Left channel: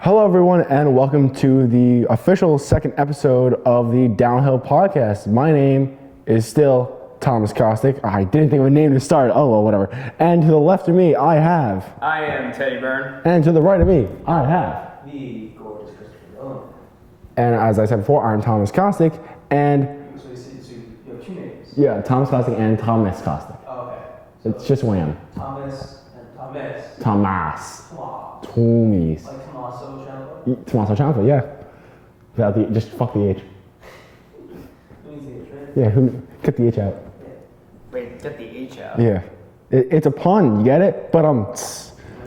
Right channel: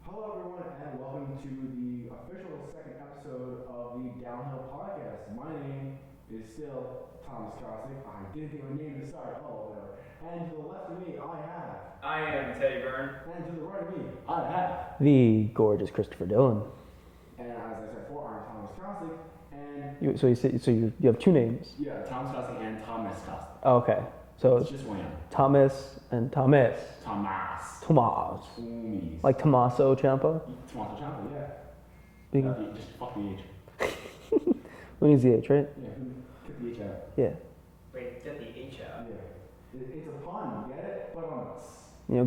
Hello, everyone, and welcome to the official second episode of the Downhill Podcast. My name is still Thomas Kostic. I didn't think of a name to start. Oh, well, whatever. And to the left of me, I am Teddy Byrne. And to the right of me, I have the gorgeous Christopher Dillon. And as I said before, I'm Thomas Kostic. And So you have two names. yeah, Thomas Kostic and Thomas Kostic. Oh, okay. So it's just one. Thomas and Thomas. Thomas. Tomas. Like Tommaso Ciampa? Tommaso Ciampa, yeah. Without the, just fuck the H. Who needs the H, right? Yeah, cut the H out. Yeah. Wait, get the H out. Yeah. It's a pun, you get it? But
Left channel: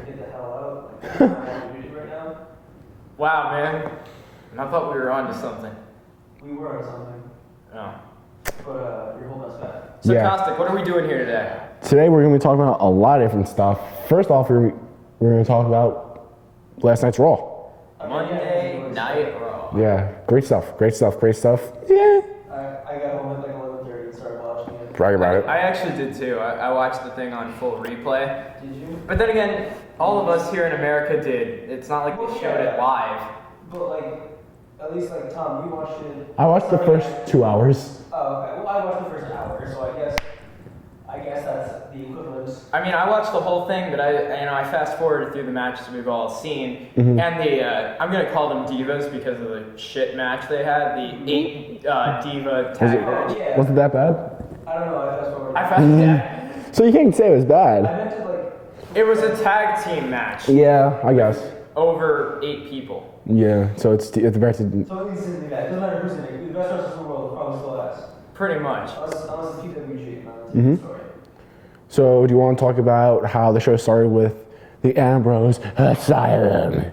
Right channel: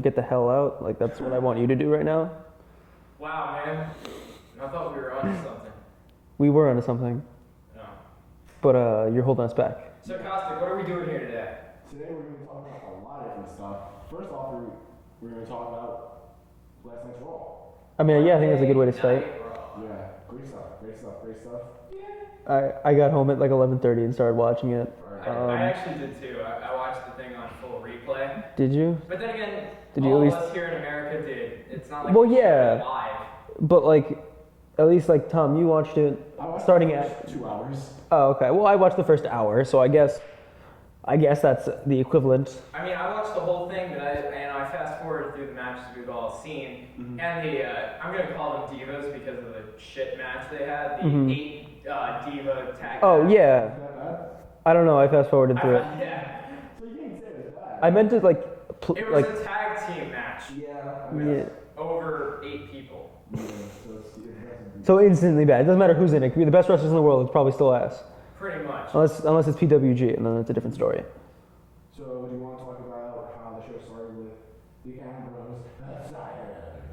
get the hell out. Like, that's what I want you to do right now. Wow, man. I thought we were on to something. We were onto something. Oh. But you're holding us back. So, yeah. Kostic, what are we doing here today? Today we're going to be talking about a lot of different stuff. First off, we're going to talk about last night's Raw. I mean, yeah, I think that's a good way to start. Raw. Yeah, great stuff. Yeah. I got home at like 11:30 and started watching it. Brag about it. I actually did too. I watched the thing on full replay. Did you? But then again, all of us here in America did. It's not like we showed it live. But like, at least like Tom, you watched it. I watched the first 2 hours. Oh, okay. Well, I watched the first hour, so I guess that's the equivalent. I mean, I watched the whole thing, but I fast forwarded through the matches we've all seen, and the I'm gonna call them divas because of the shit match they had. The 8 diva tag match. Oh yeah. Was it that bad? I don't know. I fast forwarded through. Yeah. So you can't say it was bad. I meant it like. It was a tag team match. Yeah, I guess. Over 8 people. Yeah, so it's back to. So instantly bad. It doesn't matter who's in it. It could be the best wrestlers in the world. It's probably still ass. Pretty much. Unless it's PWG, and then it's a different story. So do you want to talk about how the show started with the Ambrose Asylum?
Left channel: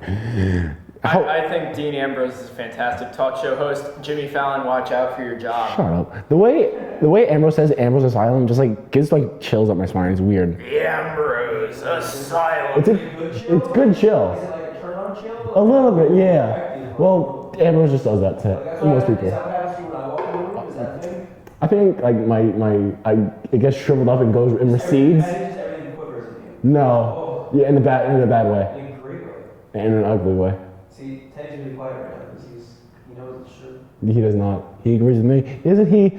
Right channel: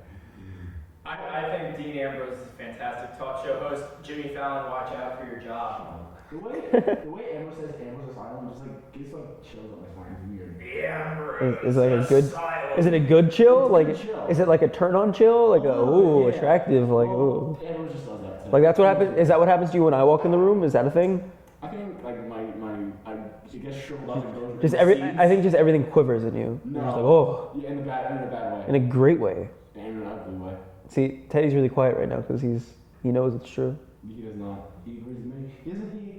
I think Dean Ambrose is a fantastic talk show host. Jimmy Fallon, watch out for your job. Shut up. The way Ambrose says Ambrose Asylum just like gives like chills up my spine. It's weird. The Ambrose Is it Asylum. Is it a good chill? It's good chill. Is it like a turn on chill? Like A little bit, yeah. Attractive, like, well, Ambrose just does that too. like that's what happens. Is that what happens to you when I walk in the room? Is that a thing? I think like it gets shriveled up and goes in the seeds. I think just everything quivers in you. No. Oh. Yeah, in a bad way. In a great way. And in an ugly way. See, Teddy's really quiet right now because he knows it's true. He does not. He agrees with me. Isn't he?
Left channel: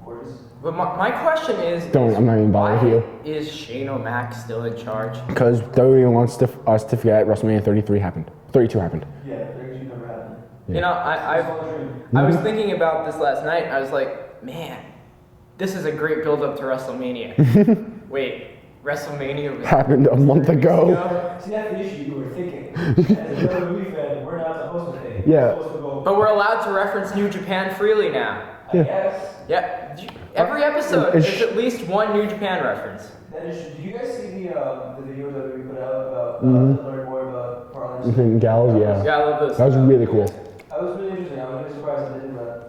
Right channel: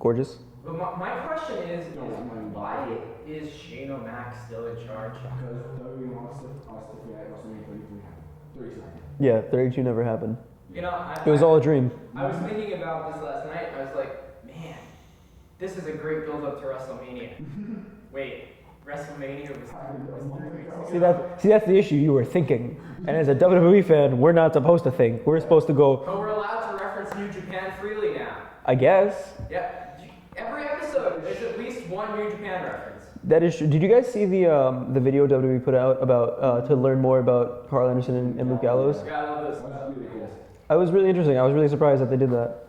Gorgeous. But my question is, I'm not even bothering with you. Is Shane O'Mac still in charge? Because WWE wants us to forget WrestleMania 32 happened. Yeah, 32 never happened. Yeah. You know, It was all a dream. I was thinking about this last night. I was like, man, this is a great build-up to WrestleMania. Wait, WrestleMania Happened a month ago. See, that's the issue. You were thinking. And as a WWE fan, we're not supposed to think. We're supposed to go. But we're allowed to reference New Japan freely now. I guess. Yeah. Every episode, there's at least one New Japan reference. That is true. Did you guys see the video WWE put out about to learn more about Carl Anderson and Gallows? Yeah, I love those. That was really cool. That was really interesting. I was really surprised that they did that.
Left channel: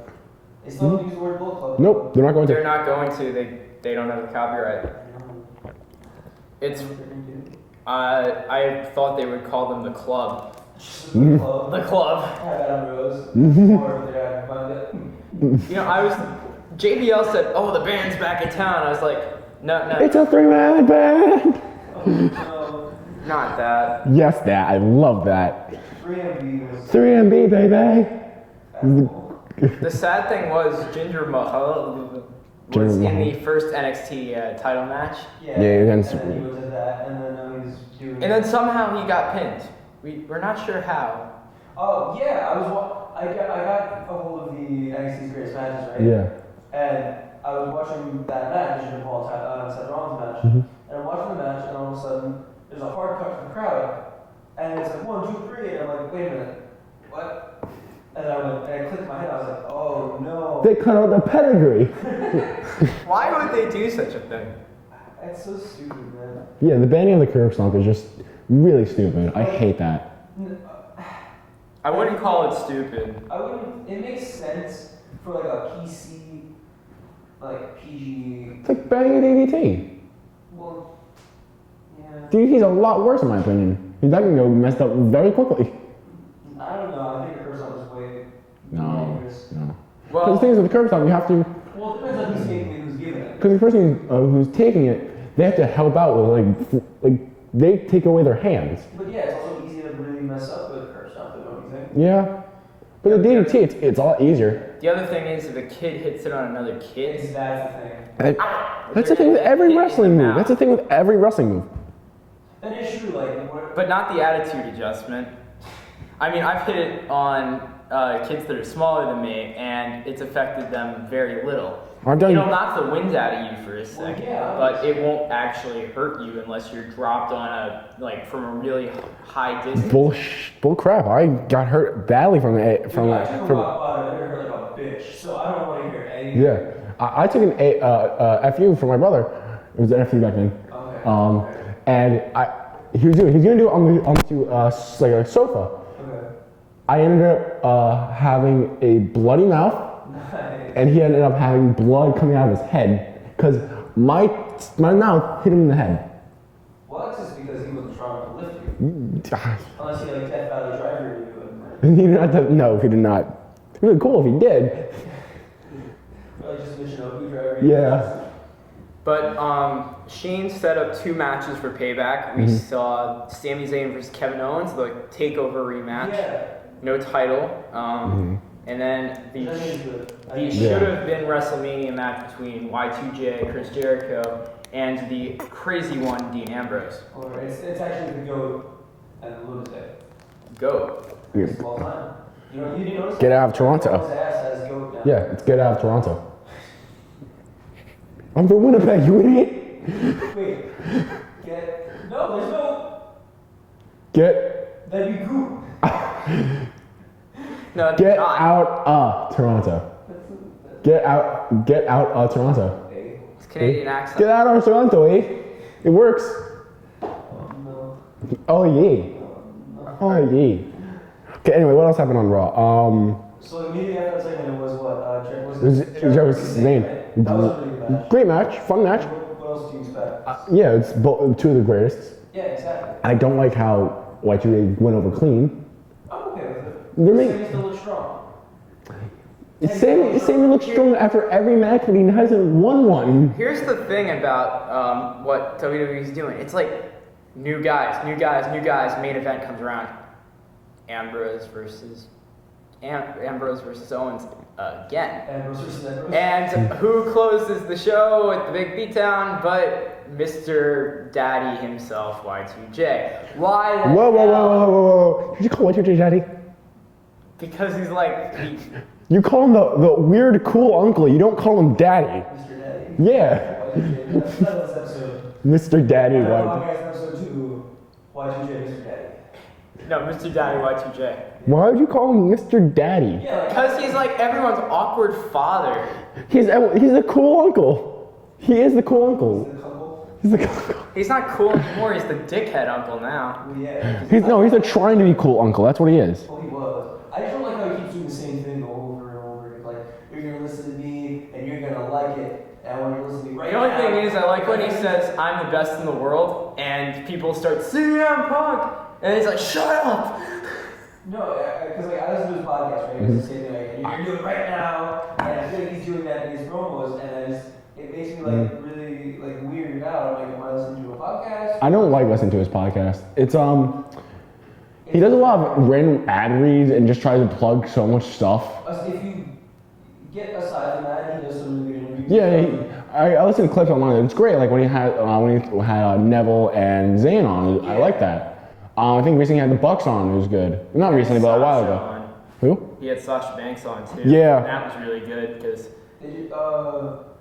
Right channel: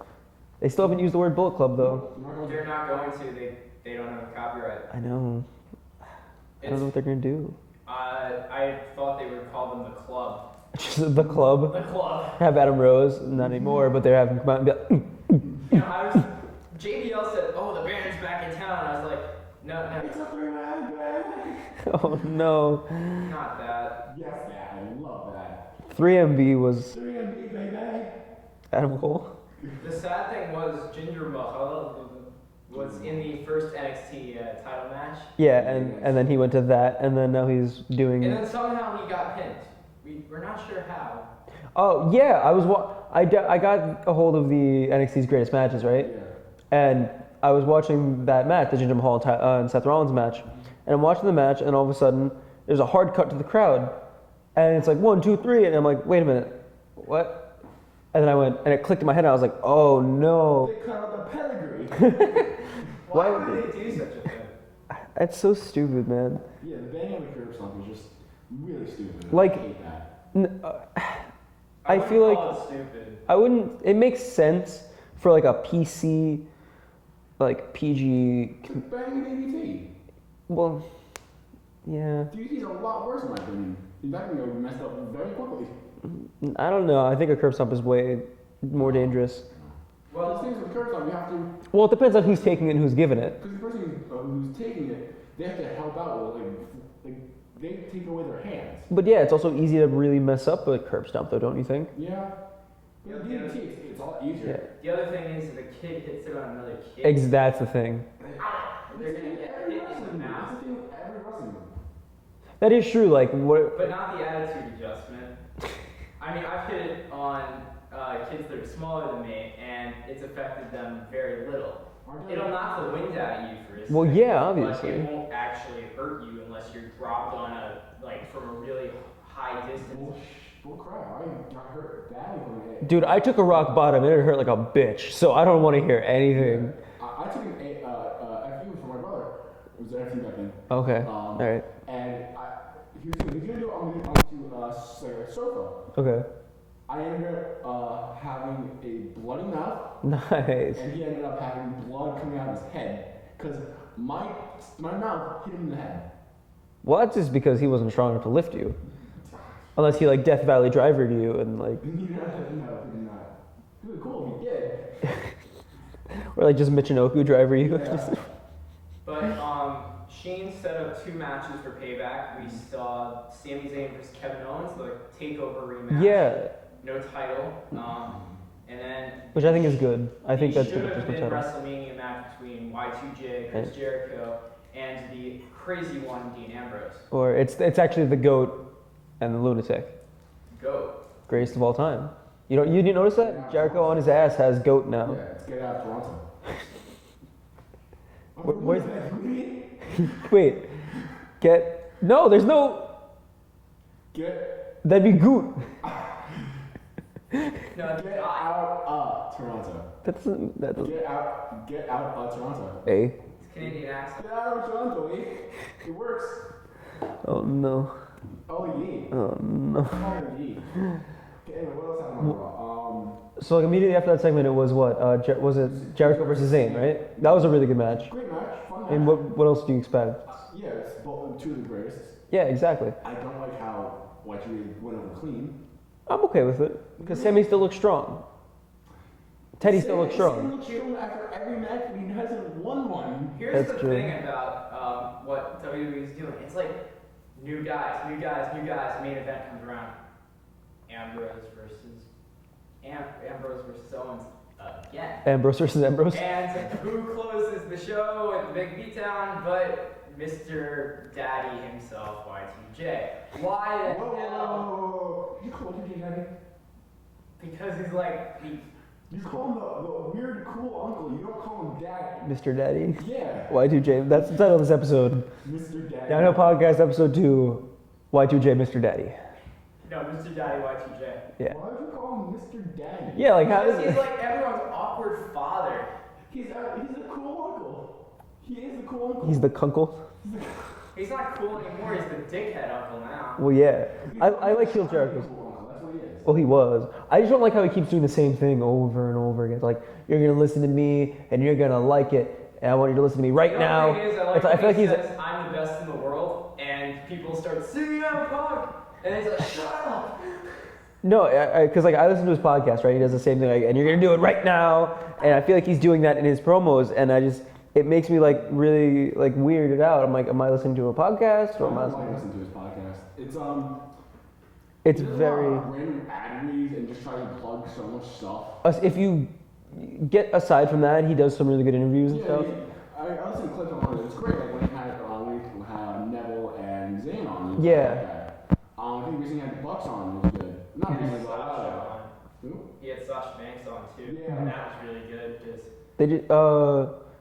They still haven't used the word Bullet Club though. Nope, they're not going to. They're not going to. They don't have the copyright. I know. I It's. don't know what they're gonna do. I thought they would call them the club. Just the club. The club. Have Adam Rose, not anymore, but they have. You know, JBL said, "Oh, the band's back in town." I was like, "No, It's a 3-man band. Oh no. not that." Yes, that. I love that. 3MB was 3MB, baby. Adam Cole. The sad thing was Jinder Mahal was in the first NXT title match. Yeah, Yeah, and then he went to that, and then now he's doing. And then somehow he got pinned. We're not sure how. Oh yeah, I got a hold of the NXT's greatest matches, right? Yeah. And I was watching that match, the Jinder Mahal and Seth Rollins match, and I'm watching the match, and all of a sudden there's a hard cut to the crowd, and it's like 1, 2, 3, and I'm like, wait a minute, what? And then I went, and it clicked in my head, and I was like, oh no. They cut out the pedigree. Why would they do such a thing? It's so stupid, man. Yeah, the banning of the curb stomp is just really stupid. Like- I hate that. I wouldn't feel call like- it stupid. I wouldn't. It makes sense for like a PC, like PG. It's like banning DDT. Well, yeah. DDT's a lot worse in my opinion. That can go messed up very quickly. I don't know. I think a curb stomp is way more dangerous. No. Well, Because the thing is with the curb stomp, you have to. Well, it depends on who's taking it and who's giving it. Because the person who's taking it, they have to help out with like they take away their hands. But yeah, it's also easy to really mess up with curb stomp, though, don't you think? Yeah. But the DDT, it's a lot easier. The other thing is if a kid hits it on another kid. That's the thing. That's the thing with every wrestling move. That's the thing with every wrestling move. That is true. Like, what? But not the attitude adjustment. I mean, I've hit it on kids that are smaller than me, and it's affected them very little. It'll knock the wind out of you for a second. Well, yeah, obviously. But it won't actually hurt you unless you're dropped on from a really high distance. Bull crap. I got hurt badly from it. Dude, I took a rock bottom and it hurt like a bitch. So I don't want to hear anything. Yeah. I took an FU for my brother. It was an FU back then. Okay. All right. And he was gonna do it onto like a sofa. Okay. I ended up having a bloody mouth. Nice. And he ended up having blood coming out of his head because my mouth hit him in the head. Well, that's just because he wasn't strong enough to lift you. Unless he like Death Valley Driver to you and like. No, he did not. It would be cool if he did. Or like just Michinoku Driver you. Yeah. But Shane set up 2 matches for Payback. We saw Sami Zayn versus Kevin Owens, the takeover rematch. Yeah. No title. And then which I think is good. I think it should have been WrestleMania match between Y2J, Chris Jericho, and the crazy one, Dean Ambrose. Or it's actually the GOAT and the Lunatic. GOAT. Greatest of all time. You didn't notice that? Get out of Jericho Toronto. On his ass has GOAT now. Yeah, it's get out of Toronto. I'm from Winnipeg, you idiot. Wait. No, there's no. That'd be Goot. No, get out of Toronto. That's Get out of Toronto. A. It's Canadian accent. Get out of Toronto, eh? It works. Oh no. Oh yeah. Oh no. Oh yeah. Okay. Anyway, what else happened on Raw? So like immediately after that segment, it was what? Was It was it Jericho versus Zayn, right? That was a really good match. Great match, fun match. What else do you expect? Yeah, it's 2 of the greatest. Yeah, exactly. I don't like how Y2J went over clean. I'm okay with it. Really? Sammy still looks strong. Sammy looks strong after every match, but he hasn't won one. Here's the thing about what WWE's doing. It's like new guys. Main event comes around. Ambrose versus Owens again. Ambrose versus Ambrose. And who closes the show with the big beatdown but Mr. Daddy himself, Y2J. Why? Whoa. Did you call Y2J Daddy? Because he's like... You call him the weird, cool uncle. You don't call him Daddy. Mr. Daddy? Yeah. Y2J. That's the title of this episode. Mr. Daddy. Downhill Podcast episode 2. Y2J, Mr. Daddy. No, Mr. Daddy, Y2J. Yeah. Why would you call him Mr. Daddy? Yeah, like because he's like everyone's awkward father. He's a cool uncle. He is the cool uncle. He's the kunkle. He's not cool anymore. He's the dickhead uncle now. Well, yeah. He's a trying to be cool uncle. That's what he is. Well, he was. I just don't like how he keeps doing the same thing over and over again. It's like, you're going to listen to me, and you're going to like it, and I want you to listen to me right now. The only thing is, I like when he like says, I'm the best in the world, and people start, CM Punk! And he's like, shut up! No, because I listen to his podcast, right? He does the same thing, like, and you're going to do it right now. And I feel like he's doing that in his promos, and it makes me really weirded out. I'm like, am I listening to a podcast? I don't like listening to his podcast. He does a lot of random ad reads and just tries to plug so much stuff. If you get aside from that, he does some really good interviews. Yeah, I listened to clips on one of it. It's great. Like when he had Neville and Zayn on. Yeah. I like that. I think recently he had the Bucks on. It was good. Not recently, but a while ago. On. Who? He had Sasha Banks on too. Yeah. And that was really good because They did.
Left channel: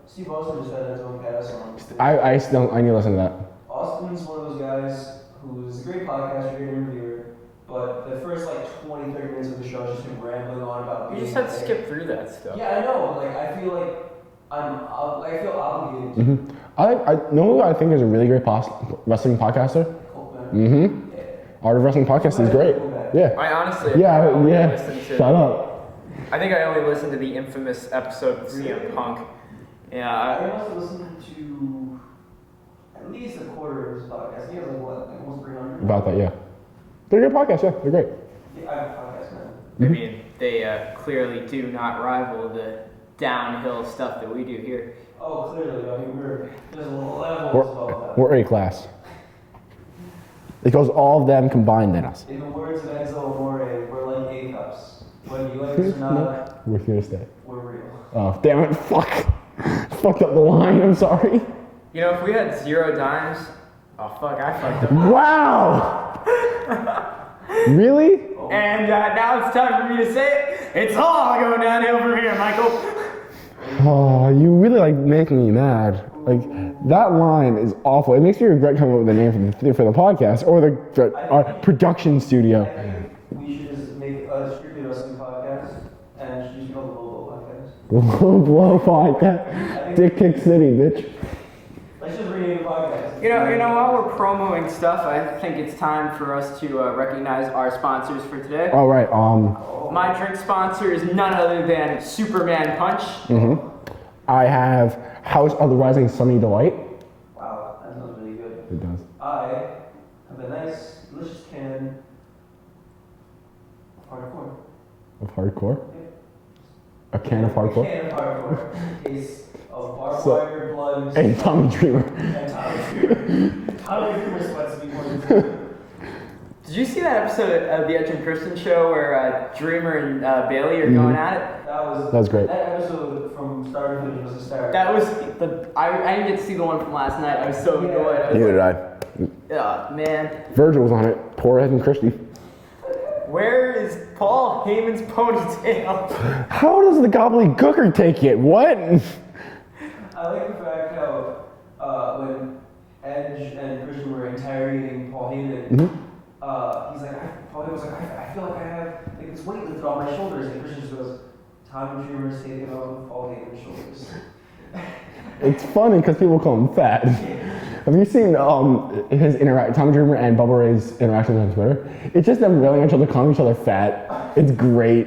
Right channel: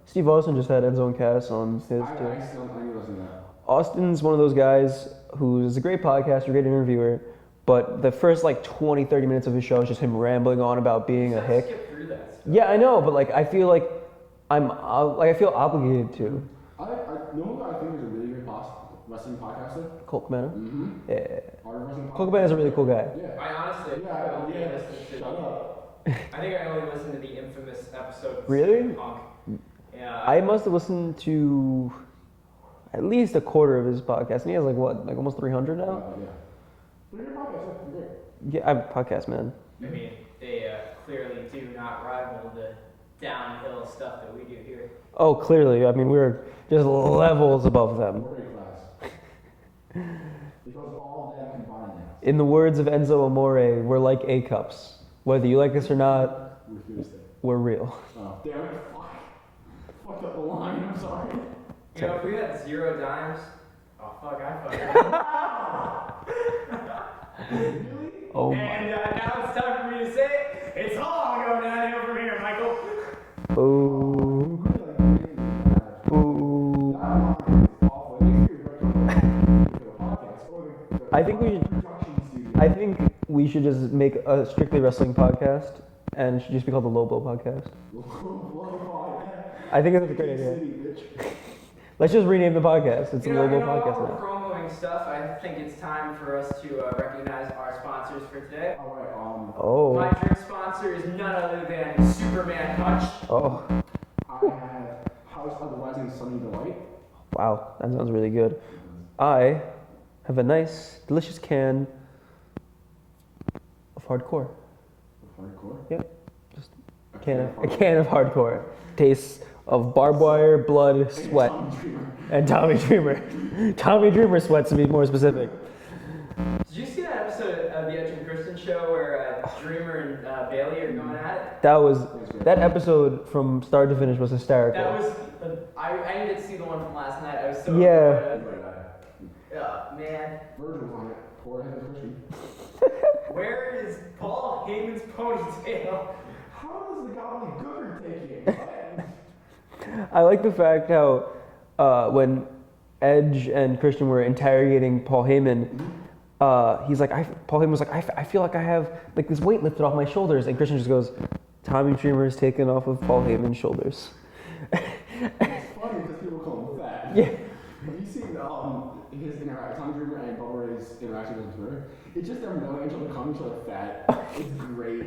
Steve Austin just had Enzo Cass on stage. I need to listen to that. Austin's one of those guys who's a great podcaster, great interviewer, but the first 20, 30 minutes of his show is just him rambling on about being you just a have to hick. skip through that stuff. Yeah, I know, but I feel like I feel obligated to. Mm-hmm. I know who I think is a really great wrestling podcaster. Colt man. Mm-hmm. Yeah. Art of Wrestling podcast Colt is Man's a great. cool guy. Yeah. I honestly Yeah. listen to, Shut up. I think I only listened to the infamous episode of Really? CM Punk. Yeah. I must have listened to at least a quarter of his podcast. And he has almost 300 now. About that, yeah. They're a good podcast, yeah. They're great. Yeah, I'm a podcast man. I mean, they clearly do not rival the downhill stuff that we do here. Oh, clearly. I mean, we're just levels above them. We're A class. Because all of them combined in us. In the words of Enzo Amore, we're like A-cups. Whether you like us or not, We're here to stay. we're real. Oh, damn it, fuck. Fucked up the line, I'm sorry. You know, if we had 0 dimes, oh fuck, I fucked up. Wow! Really? Oh. And now it's time for me to say it. It's all going downhill from here, Michael. Oh, you really like making me mad. Like, that line is awful. It makes me regret coming up with a name for the podcast or our production studio. I think we should just make a strictly wrestling podcast and it should just be called the Low Blow Podcast. Low Blow Podcast. I think Dick Kick City, bitch. Let's just rename the podcast. It's You know, the Low Blow while Podcast. we're promoting stuff, I think it's time for us to recognize our sponsors for today. All right. Oh. My drink sponsor is none other than Superman Punch. I have House of the Rising Sunny Delight. Wow, that sounds really good. It does. I have a nice, delicious can of hardcore. Of hardcore. Yep. A can of A hardcore. can of hardcore. Tastes of barbed wire, blood, sweat. And Tommy Dreamer. And Tommy Dreamer. Tommy Dreamer sweats, to be more specific. Did you see that episode of the Edge and Kristen show where Dreamer and Bailey are going at it? That was great. That episode from start to finish was hysterical. That was I didn't get to see the one from last night. I was so Yeah. annoyed. I was Neither did I. oh, man. Virgil was on it. Poor Ed and Christy. Where is Paul Heyman's ponytail? How does the gobbledygooker take it? What? I like the fact how when Edge and Christian were interrogating Paul Heyman, he's like, Paul Heyman was like, I feel like I have like this weight lifted off my shoulders, and Christian just goes, Tommy Dreamer is taken off of Paul Heyman's shoulders. It's funny because people call him fat. Have you seen his Tommy Dreamer and Bubba Ray's interactions on Twitter? It's just them railing at each other, calling each other fat. It's great.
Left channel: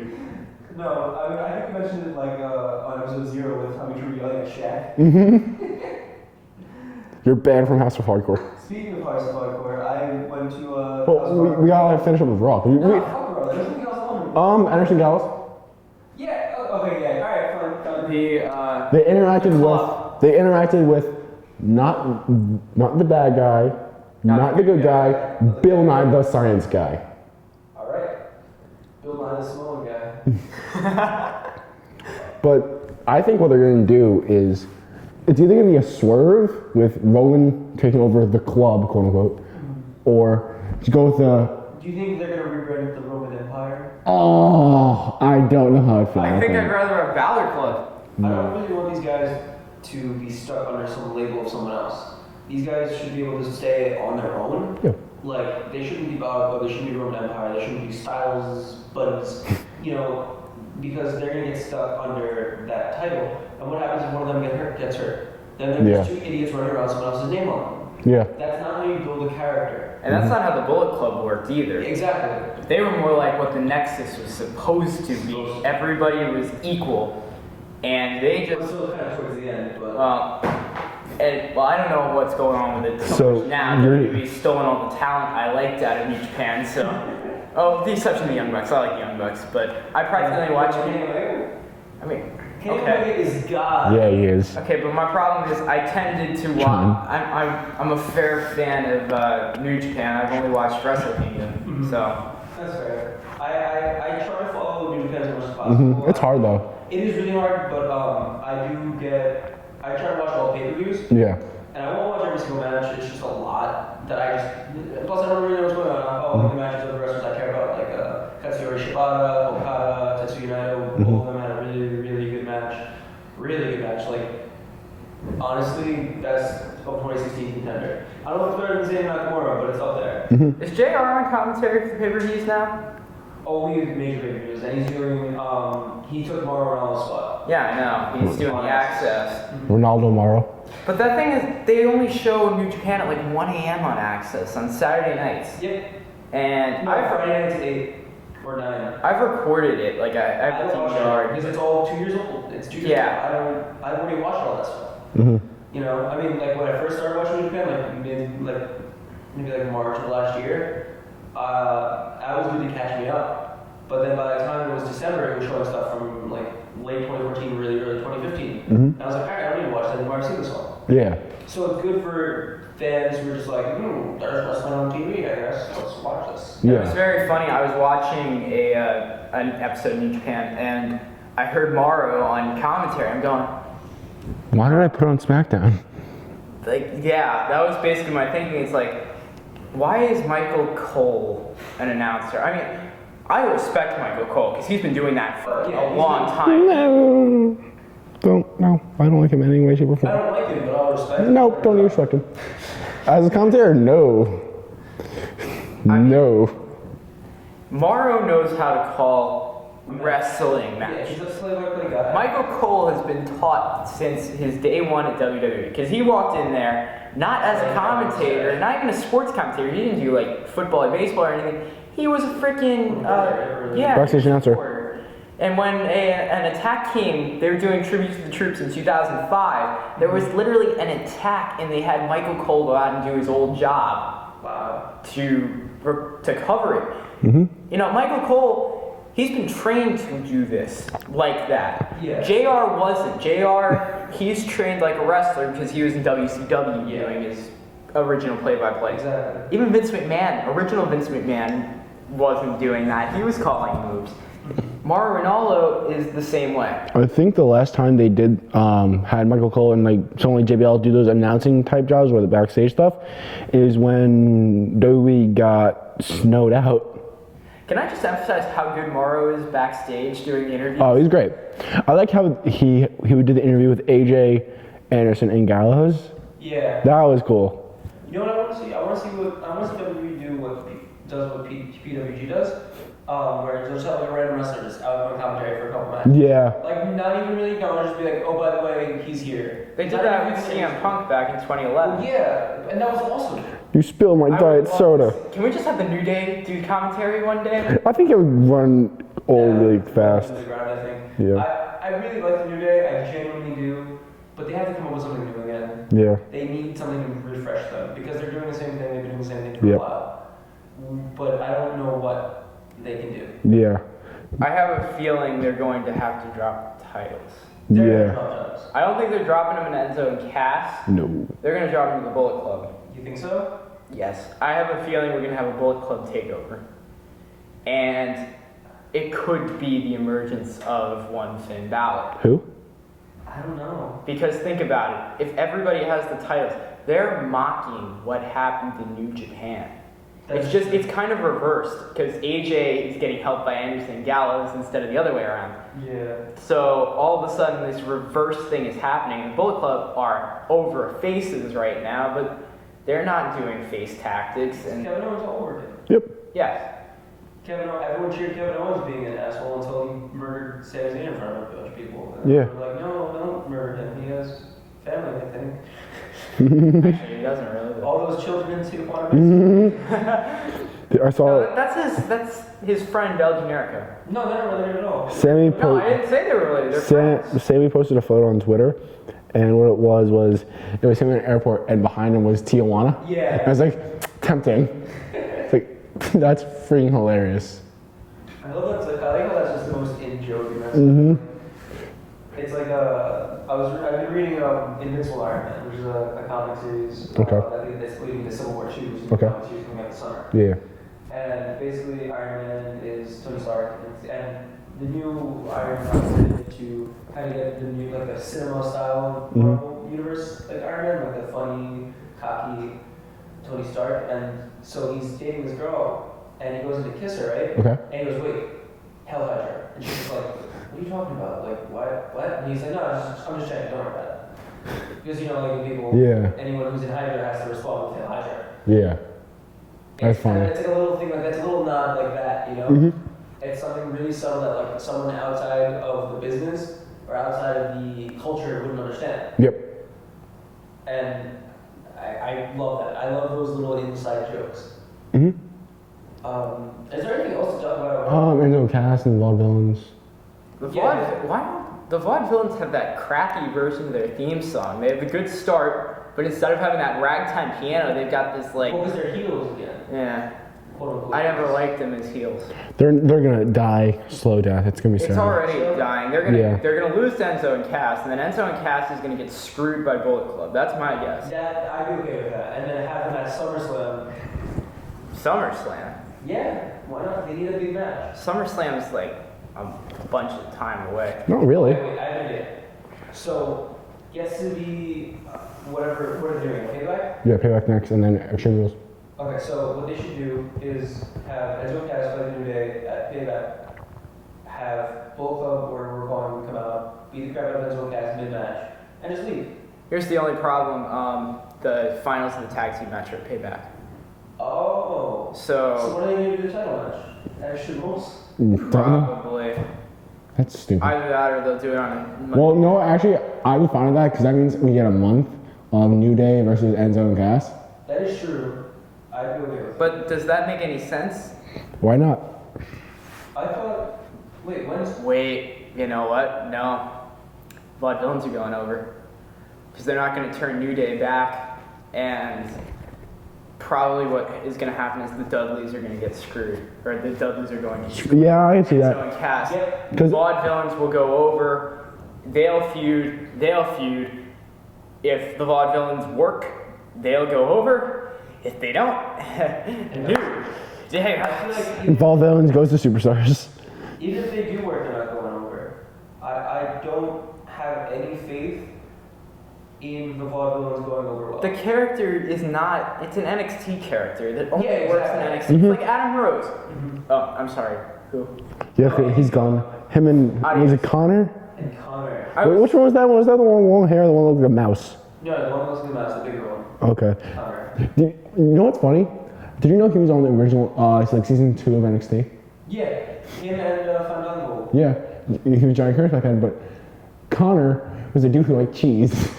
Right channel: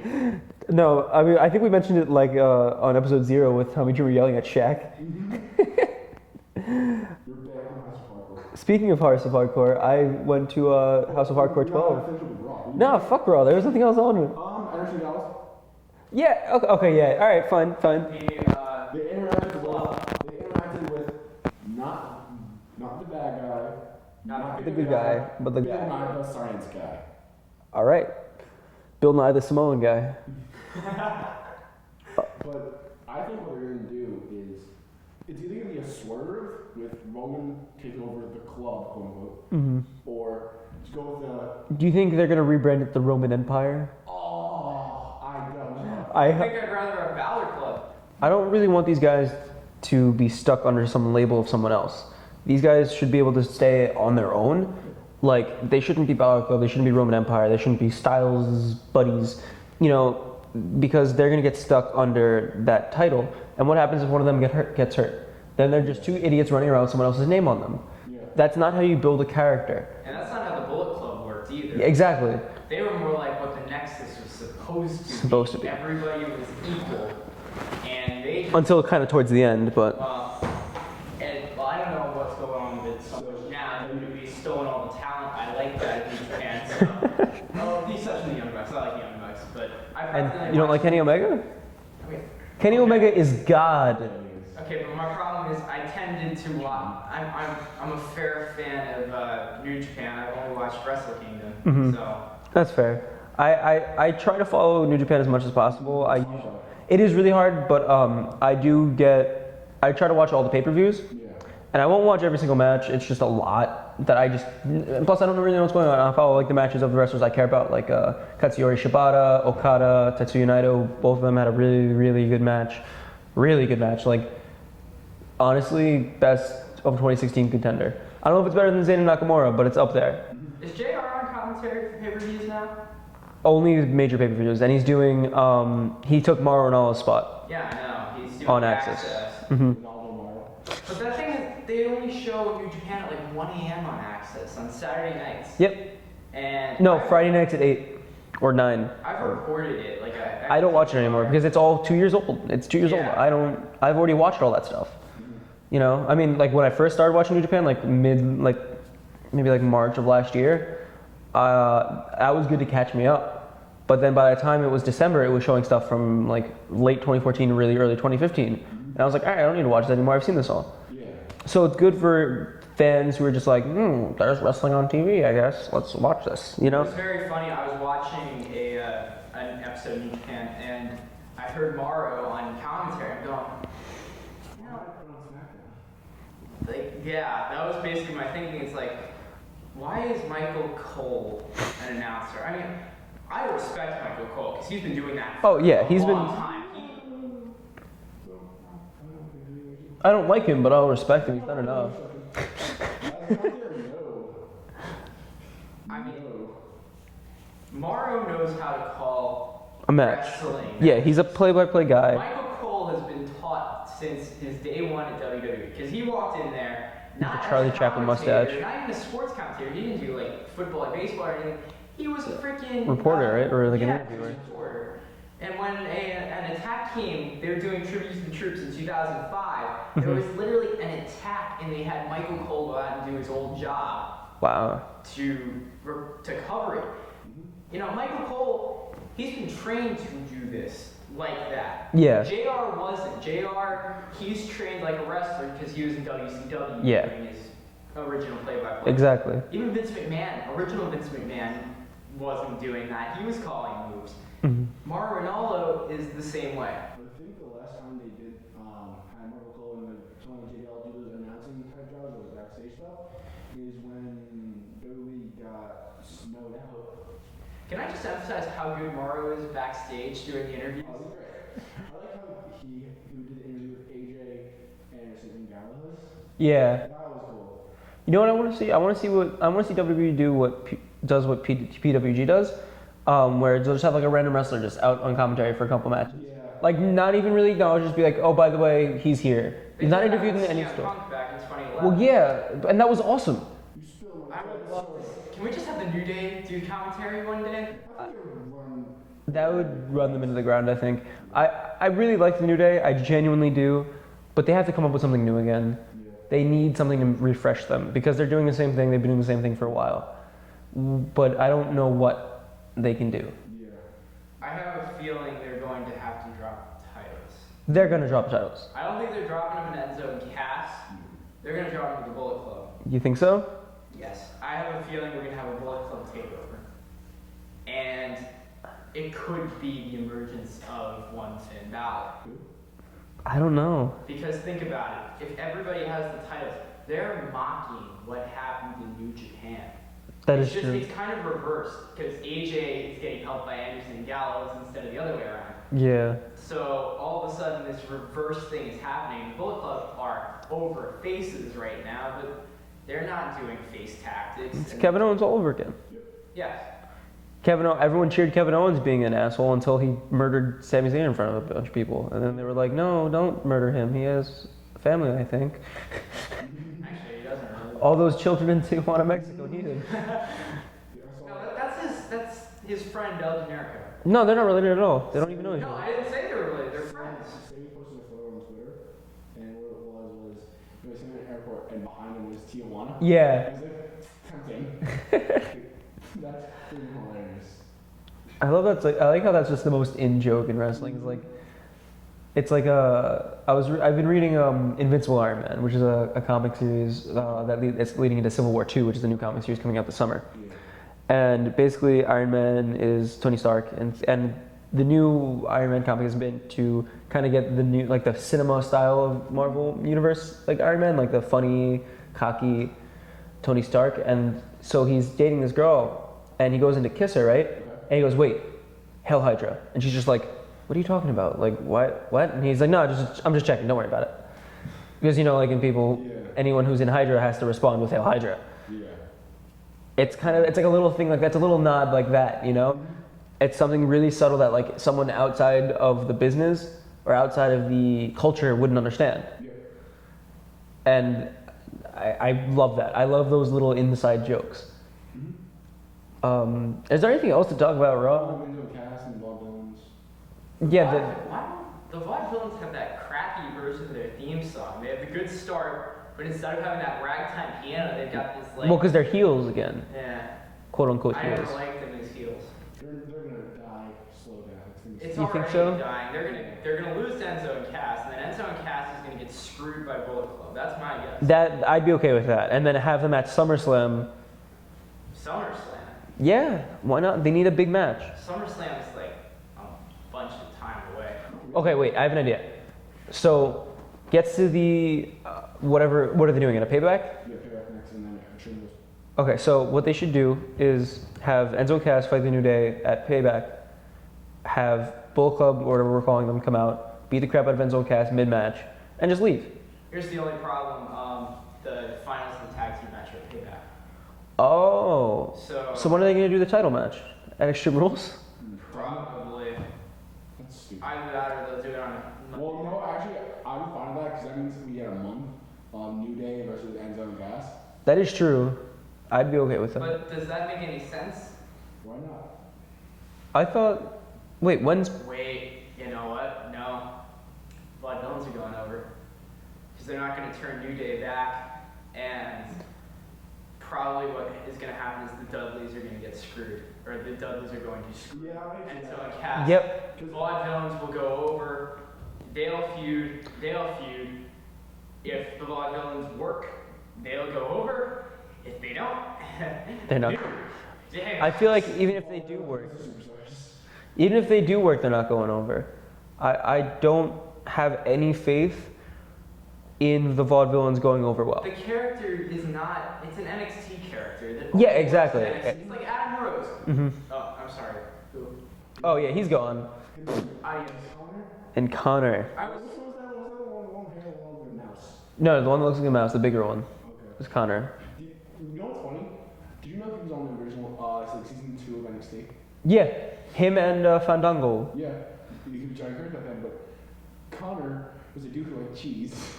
No, I mean, I think we mentioned it like on episode 0 with Tommy Dreamer yelling at Shaq. You're banned from House of Hardcore. Speaking of House of Hardcore, I went to House of Hardcore. We gotta finish up with Raw. No, fuck Raw. There was something else on. Anderson Gallows. Yeah. Okay. Yeah. All right. Fine. They interacted with not the bad guy, not the good guy, but the Bill guy. Nye the Science Guy. All right. Bill Nye the Samoan guy. But I think what they're gonna do is it's either gonna be a swerve with Rowan taking over the club, quote unquote, or to go with the. Do you think they're gonna rebrand it the Roman Empire? Oh, I don't know how I feel. I about think that. I'd rather have Balor Club. I don't really want these guys to be stuck under some label of someone else. These guys should be able to stay on their own. Yeah. Like, they shouldn't be Balor Club, they shouldn't be Roman Empire, they shouldn't be Styles buddies, because they're gonna get stuck under that title. And what happens if one of them gets hurt? Then they're just 2 idiots running around with someone else's name on them. Yeah. That's not how you build a character. And that's not how the Bullet Club worked either. Exactly. They were more like what the Nexus was supposed to be. Everybody was equal. And they just... Until kind of towards the end, but... Well, I don't know what's going on with it So much now. WWE's stolen all the talent I liked out of New Japan, so... the exception of the Young Bucks. I like the Young Bucks, but I practically You don't watch... like Kenny Omega? I mean... Kenny okay. Omega is God. Yeah, he is. Okay, but my problem is I tended to watch... I'm a fair fan of New Japan. I've only watched Wrestle Kingdom, so... That's fair. I try to follow New Japan as much as possible. It's hard though. It is really hard, but I try to watch all the pay-per-views, Yeah. and I won't watch every single match. It's just a lot that plus I don't really know what's going on. I follow like the matches of the wrestlers I care about, like Katsuyori Shibata, Okada, Tetsuya Naito. Both of them had a really, really good match. Really good match. Like, honestly, best of 2016 contender. I don't know if it's better than Zayn and Nakamura, but it's up there. Is JR on commentary for the pay-per-views now? Only major pay-per-views, and he's doing. He took Mauro Ranallo's spot. Yeah, I know. He's doing On the Access. Access. Ronaldo Morrow. But that thing is, they only show New Japan at like 1 a.m. on Access on Saturday nights. Yep. And No, Friday nights at 8 or 9. I've recorded it. Like I don't watch it anymore because it's all 2 years old. It's 2 years Yeah. old. I've already watched all that stuff. I mean, like when I first started watching New Japan, maybe March of last year, that was good to catch me up. But then by the time it was December, it was showing stuff from like late 2014, really early 2015. And I was like, all right, I don't need to watch that anymore. I've seen this all. Yeah. So it's good for fans who were just like, there's wrestling on TV, I guess. Let's watch this. You It know? was very funny. I was watching an episode in New Japan, and I heard Morrow on commentary. I'm going, Why did I put on SmackDown? like, yeah, that was basically my thinking. It's like, why is Michael Cole an announcer? I mean, I respect Michael Cole because he's been doing that for a long time. No, I don't like him in any way, shape, or I form. don't like him, but I'll respect him. No, don't even respect him. As a commentator, no. No. Morrow knows how to call A match. wrestling matches. Yeah, he's a play-by-play guy. Michael Cole has been taught since his day one at WWE because he walked in there not as a Charlie Chaplin commentator, mustache. not even a sports commentator. He didn't do like football or baseball or anything. He was a freaking Reporter, right? Or yeah, backstage announcer. reporter. And when an attack came, they were doing tribute to the troops in 2005. There was literally an attack, and they had Michael Cole go out and do his old job Wow. to cover it. You know, Michael Cole, he's been trained to do this like that. Yeah. JR wasn't. JR, he's trained like a wrestler because he was in WCW Yeah. doing his original play-by-play. Exactly. Even Vince McMahon, original Vince McMahon, wasn't doing that. He was calling moves. Mauro Ranallo is the same way. I think the last time they did had Michael Cole and like someone like JBL do those announcing type jobs or the backstage stuff is when WWE got snowed out. Can I just emphasize how good Mauro is backstage during the interviews? Oh, he's great. I like how he would do the interview with AJ, Anderson, and Gallows. Yeah. That was cool. You know what I want to see? I want to see WWE do what PWG does, where they'll just have like a random wrestler just out on commentary for a couple matches. Yeah. Like not even really go, just be like, oh, by the way, he's here. They did not that with interview the CM industry. Punk back in 2011. Well, yeah, and that was awesome. You spilled my I would diet love soda. to- Can we just have the New Day do commentary one day? I think it would run all That would really run fast. into the ground, I think. Yeah. I really like the New Day. I genuinely do, but they have to come up with something new again. Yeah. They need something to refresh them because they're doing the same thing. They've been doing the same thing for Yeah. a while, but I don't know what they can do. Yeah. I have a feeling they're going to have to drop titles. They're Yeah. gonna drop titles. I don't think they're dropping them in Enzo and Cass. No. They're going to drop them to the Bullet Club. You think so? Yes. I have a feeling we're going to have a Bullet Club takeover. And it could be the emergence of one Finn Balor. Who? I don't know. Because think about it. If everybody has the titles, they're mocking what happened in New Japan. It's just, it's kind of reversed because AJ is getting helped by Anderson and Gallows instead of the other way around. Yeah. So all of a sudden this reverse thing is happening. The Bullet Club are over faces right now, but they're not doing face tactics. It's And Kevin Owens all over again. Yep. yes, Everyone cheered Kevin Owens being an asshole until he murdered Sami Zayn in front of a bunch of people. And then Yeah. they were like, no, don't murder him. He has family, I think. actually he doesn't really. All those children in Tijuana, Mexico. I saw No, that's his friend El Generico. No, they're not related at all. Sammy No, I didn't say they were related. They're friends. Sammy posted a photo on Twitter, and what it was it was him in an airport, and behind him was Tijuana. Yeah. I was like, tempting. Like, that's freaking hilarious. I love that. I like how that's just the most in joke in wrestling. It's like I've been reading Invincible Iron Man, which is a comic series that's leading into Civil War II, which is a new comic series coming out this summer. Yeah. And basically, Iron Man is Tony Stark, and the new Iron Man comic is made to kind of get the new, like the cinema style of Marvel universe, like Iron Man, like the funny, cocky Tony Stark. And so he's dating this girl, and he goes in to kiss her, right? Okay. And he goes, "Wait, Hail Hydra," and she's just like, "What are you talking about? Like, what? And he's like, "No, I'm just checking. Don't worry about it." Because like in people, anyone who's in Hydra has to respond with Hail Hydra. Yeah. It's That's funny. it's like a little thing like that's a little nod like that, you know. It's something really subtle that like someone outside of the business or outside of the culture wouldn't understand. Yep. And I love that. I love those little inside jokes. Is there anything else to talk about, Rob? Enzo Cass and Vaudevillains. Why don't the Vaudevillains have that crappy version of their theme song? They have a good start, but instead of having that ragtime piano, they've got this like. Well, because they're heels again. Yeah. quote unquote. I never heels. liked them as heels. They're gonna die slow death. It's gonna be It's sad. already So? dying. They're gonna lose to Enzo and Cass, and then Enzo and Cass is gonna get screwed by Bullet Club. That's my guess. That I'd be okay with that, and then have them at SummerSlam. SummerSlam. Yeah, why not? They need a big match. SummerSlam is like a bunch of time away. Not really. Okay, wait, I have an idea. So, gets to the whatever. What are they doing? In a payback? Yeah, payback next, and then Extreme Rules. Okay, so what they should do is have Enzo and Cass fight the New Day at Payback, have Bullet Club, or whatever we're calling them, come out, beat the crap out of Enzo and Cass mid-match, and just leave. Here's the only problem: the finals of the tag team match are at Payback. Oh. So when are they going to do the title match? At Extreme Rules? probably That's stupid. either that or they'll do it on a Monday. Well, no, actually, I would find that because that means we get a month of New Day versus Enzo and Cass. That is true. I'd be okay with that. But does that make any sense? Why not? I thought. Wait, when's. Wait, you know what? No. Vaudevillains are going over. Because they're not going to turn New Day back, and probably what is going to happen is the Dudleys are going to get screwed. Or the Dudleys are going to screw Yeah, I can see Enzo that. and Cass. Yep. The Vaudevillains will go over. They'll feud. If the Vaudevillains work, they'll go over. If they don't, They're not. I feel like even if, Vaudevillains goes to Superstars. even if they do work, they're not going over. I don't have any faith in the Vaudevillains going over well. The character is not. It's an NXT character that only Yeah, works exactly. in NXT. It's like Adam Rose. Oh, I'm sorry. Who? Yeah, Oh, yeah, he's he's gone. Him and was it Connor? And Connor. Wait, which one was that one? Was that the one with long hair, the one that looked like a mouse? No, the one that looks like a mouse, the bigger one. Okay. Connor. You know what's funny? Did you know he was on the original, it's like season 2 of NXT? Yeah, him and Fandango. Yeah, he was Johnny Curtis back then, but Connor was a dude who liked cheese.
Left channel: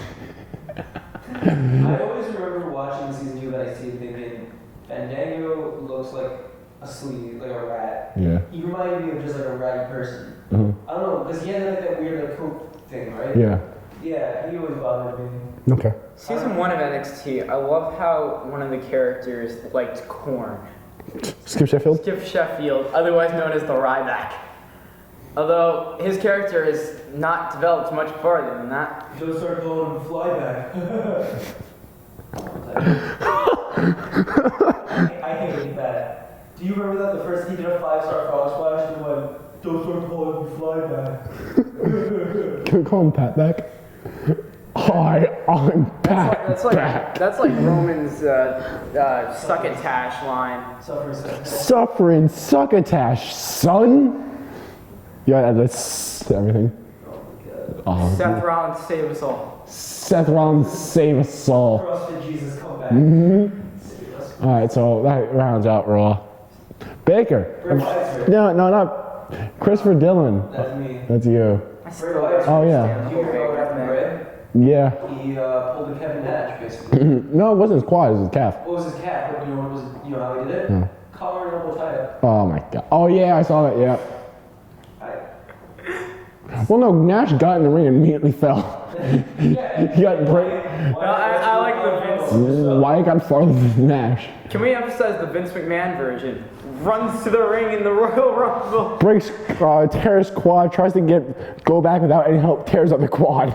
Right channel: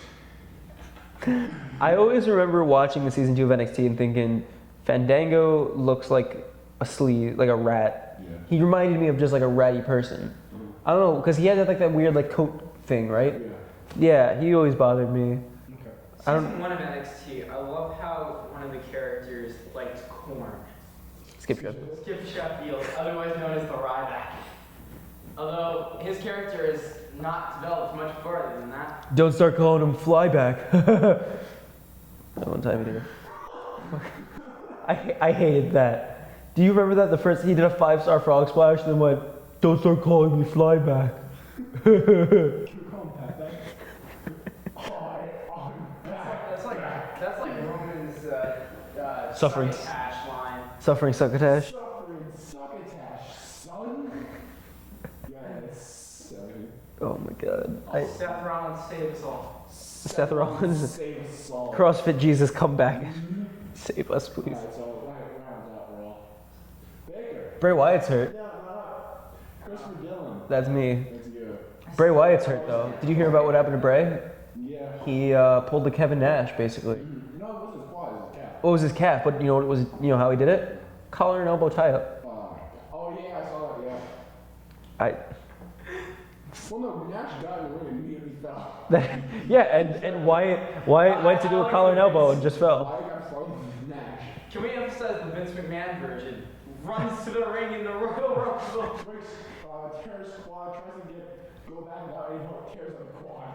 I always remember watching the season 2 of NXT and thinking, Fandango looks like a sleaze, like a rat. Yeah. He reminded me of just like a ratty person. I don't know, because he had like that weird like coat thing, right? Yeah. Yeah, he always bothered me. Okay. Season 1 of NXT, I love how one of the characters liked corn. Skip Sheffield? Skip Sheffield, otherwise known as the Ryback. Although his character is not developed much farther than that. Don't start calling him Flyback. Don't type it. I hated that. Do you remember that? The first he did a 5-star frog splash and then went, "Don't start calling me Flyback." Can we call him Patback? Hi, I'm Patback. That's like Roman's succotash line. Suffering succotash. Suffering succotash, son. Yeah, that's everything. Oh my god. Seth Rollins save us all. Seth Rollins save us all. CrossFit Jesus, come back. Save us. Please. All right, so that rounds out Raw. Baker. Bray Wyatt's hurt. No, not Christopher Dillon. That's me. That's you. Bray Wyatt's hurt. Oh yeah. Did you hear about what happened to Bray? Yeah. He pulled the Kevin Nash, basically. No, it wasn't his quad. It was his calf. What was his calf? But you know what was? You know how he did it? No. Collar and elbow tie up. Oh my god. Oh yeah, I saw that. Yeah. I. Well, no, Nash got in the ring and immediately fell. Yeah, and He got Wyatt to do I like collar and the elbow. Vince. Just fell. Wyatt got farther than Nash. Can we emphasize the Vince McMahon version? Runs to the ring in the Royal Rumble. Breaks, tears quad, tries to go back without any help, tears up the quad.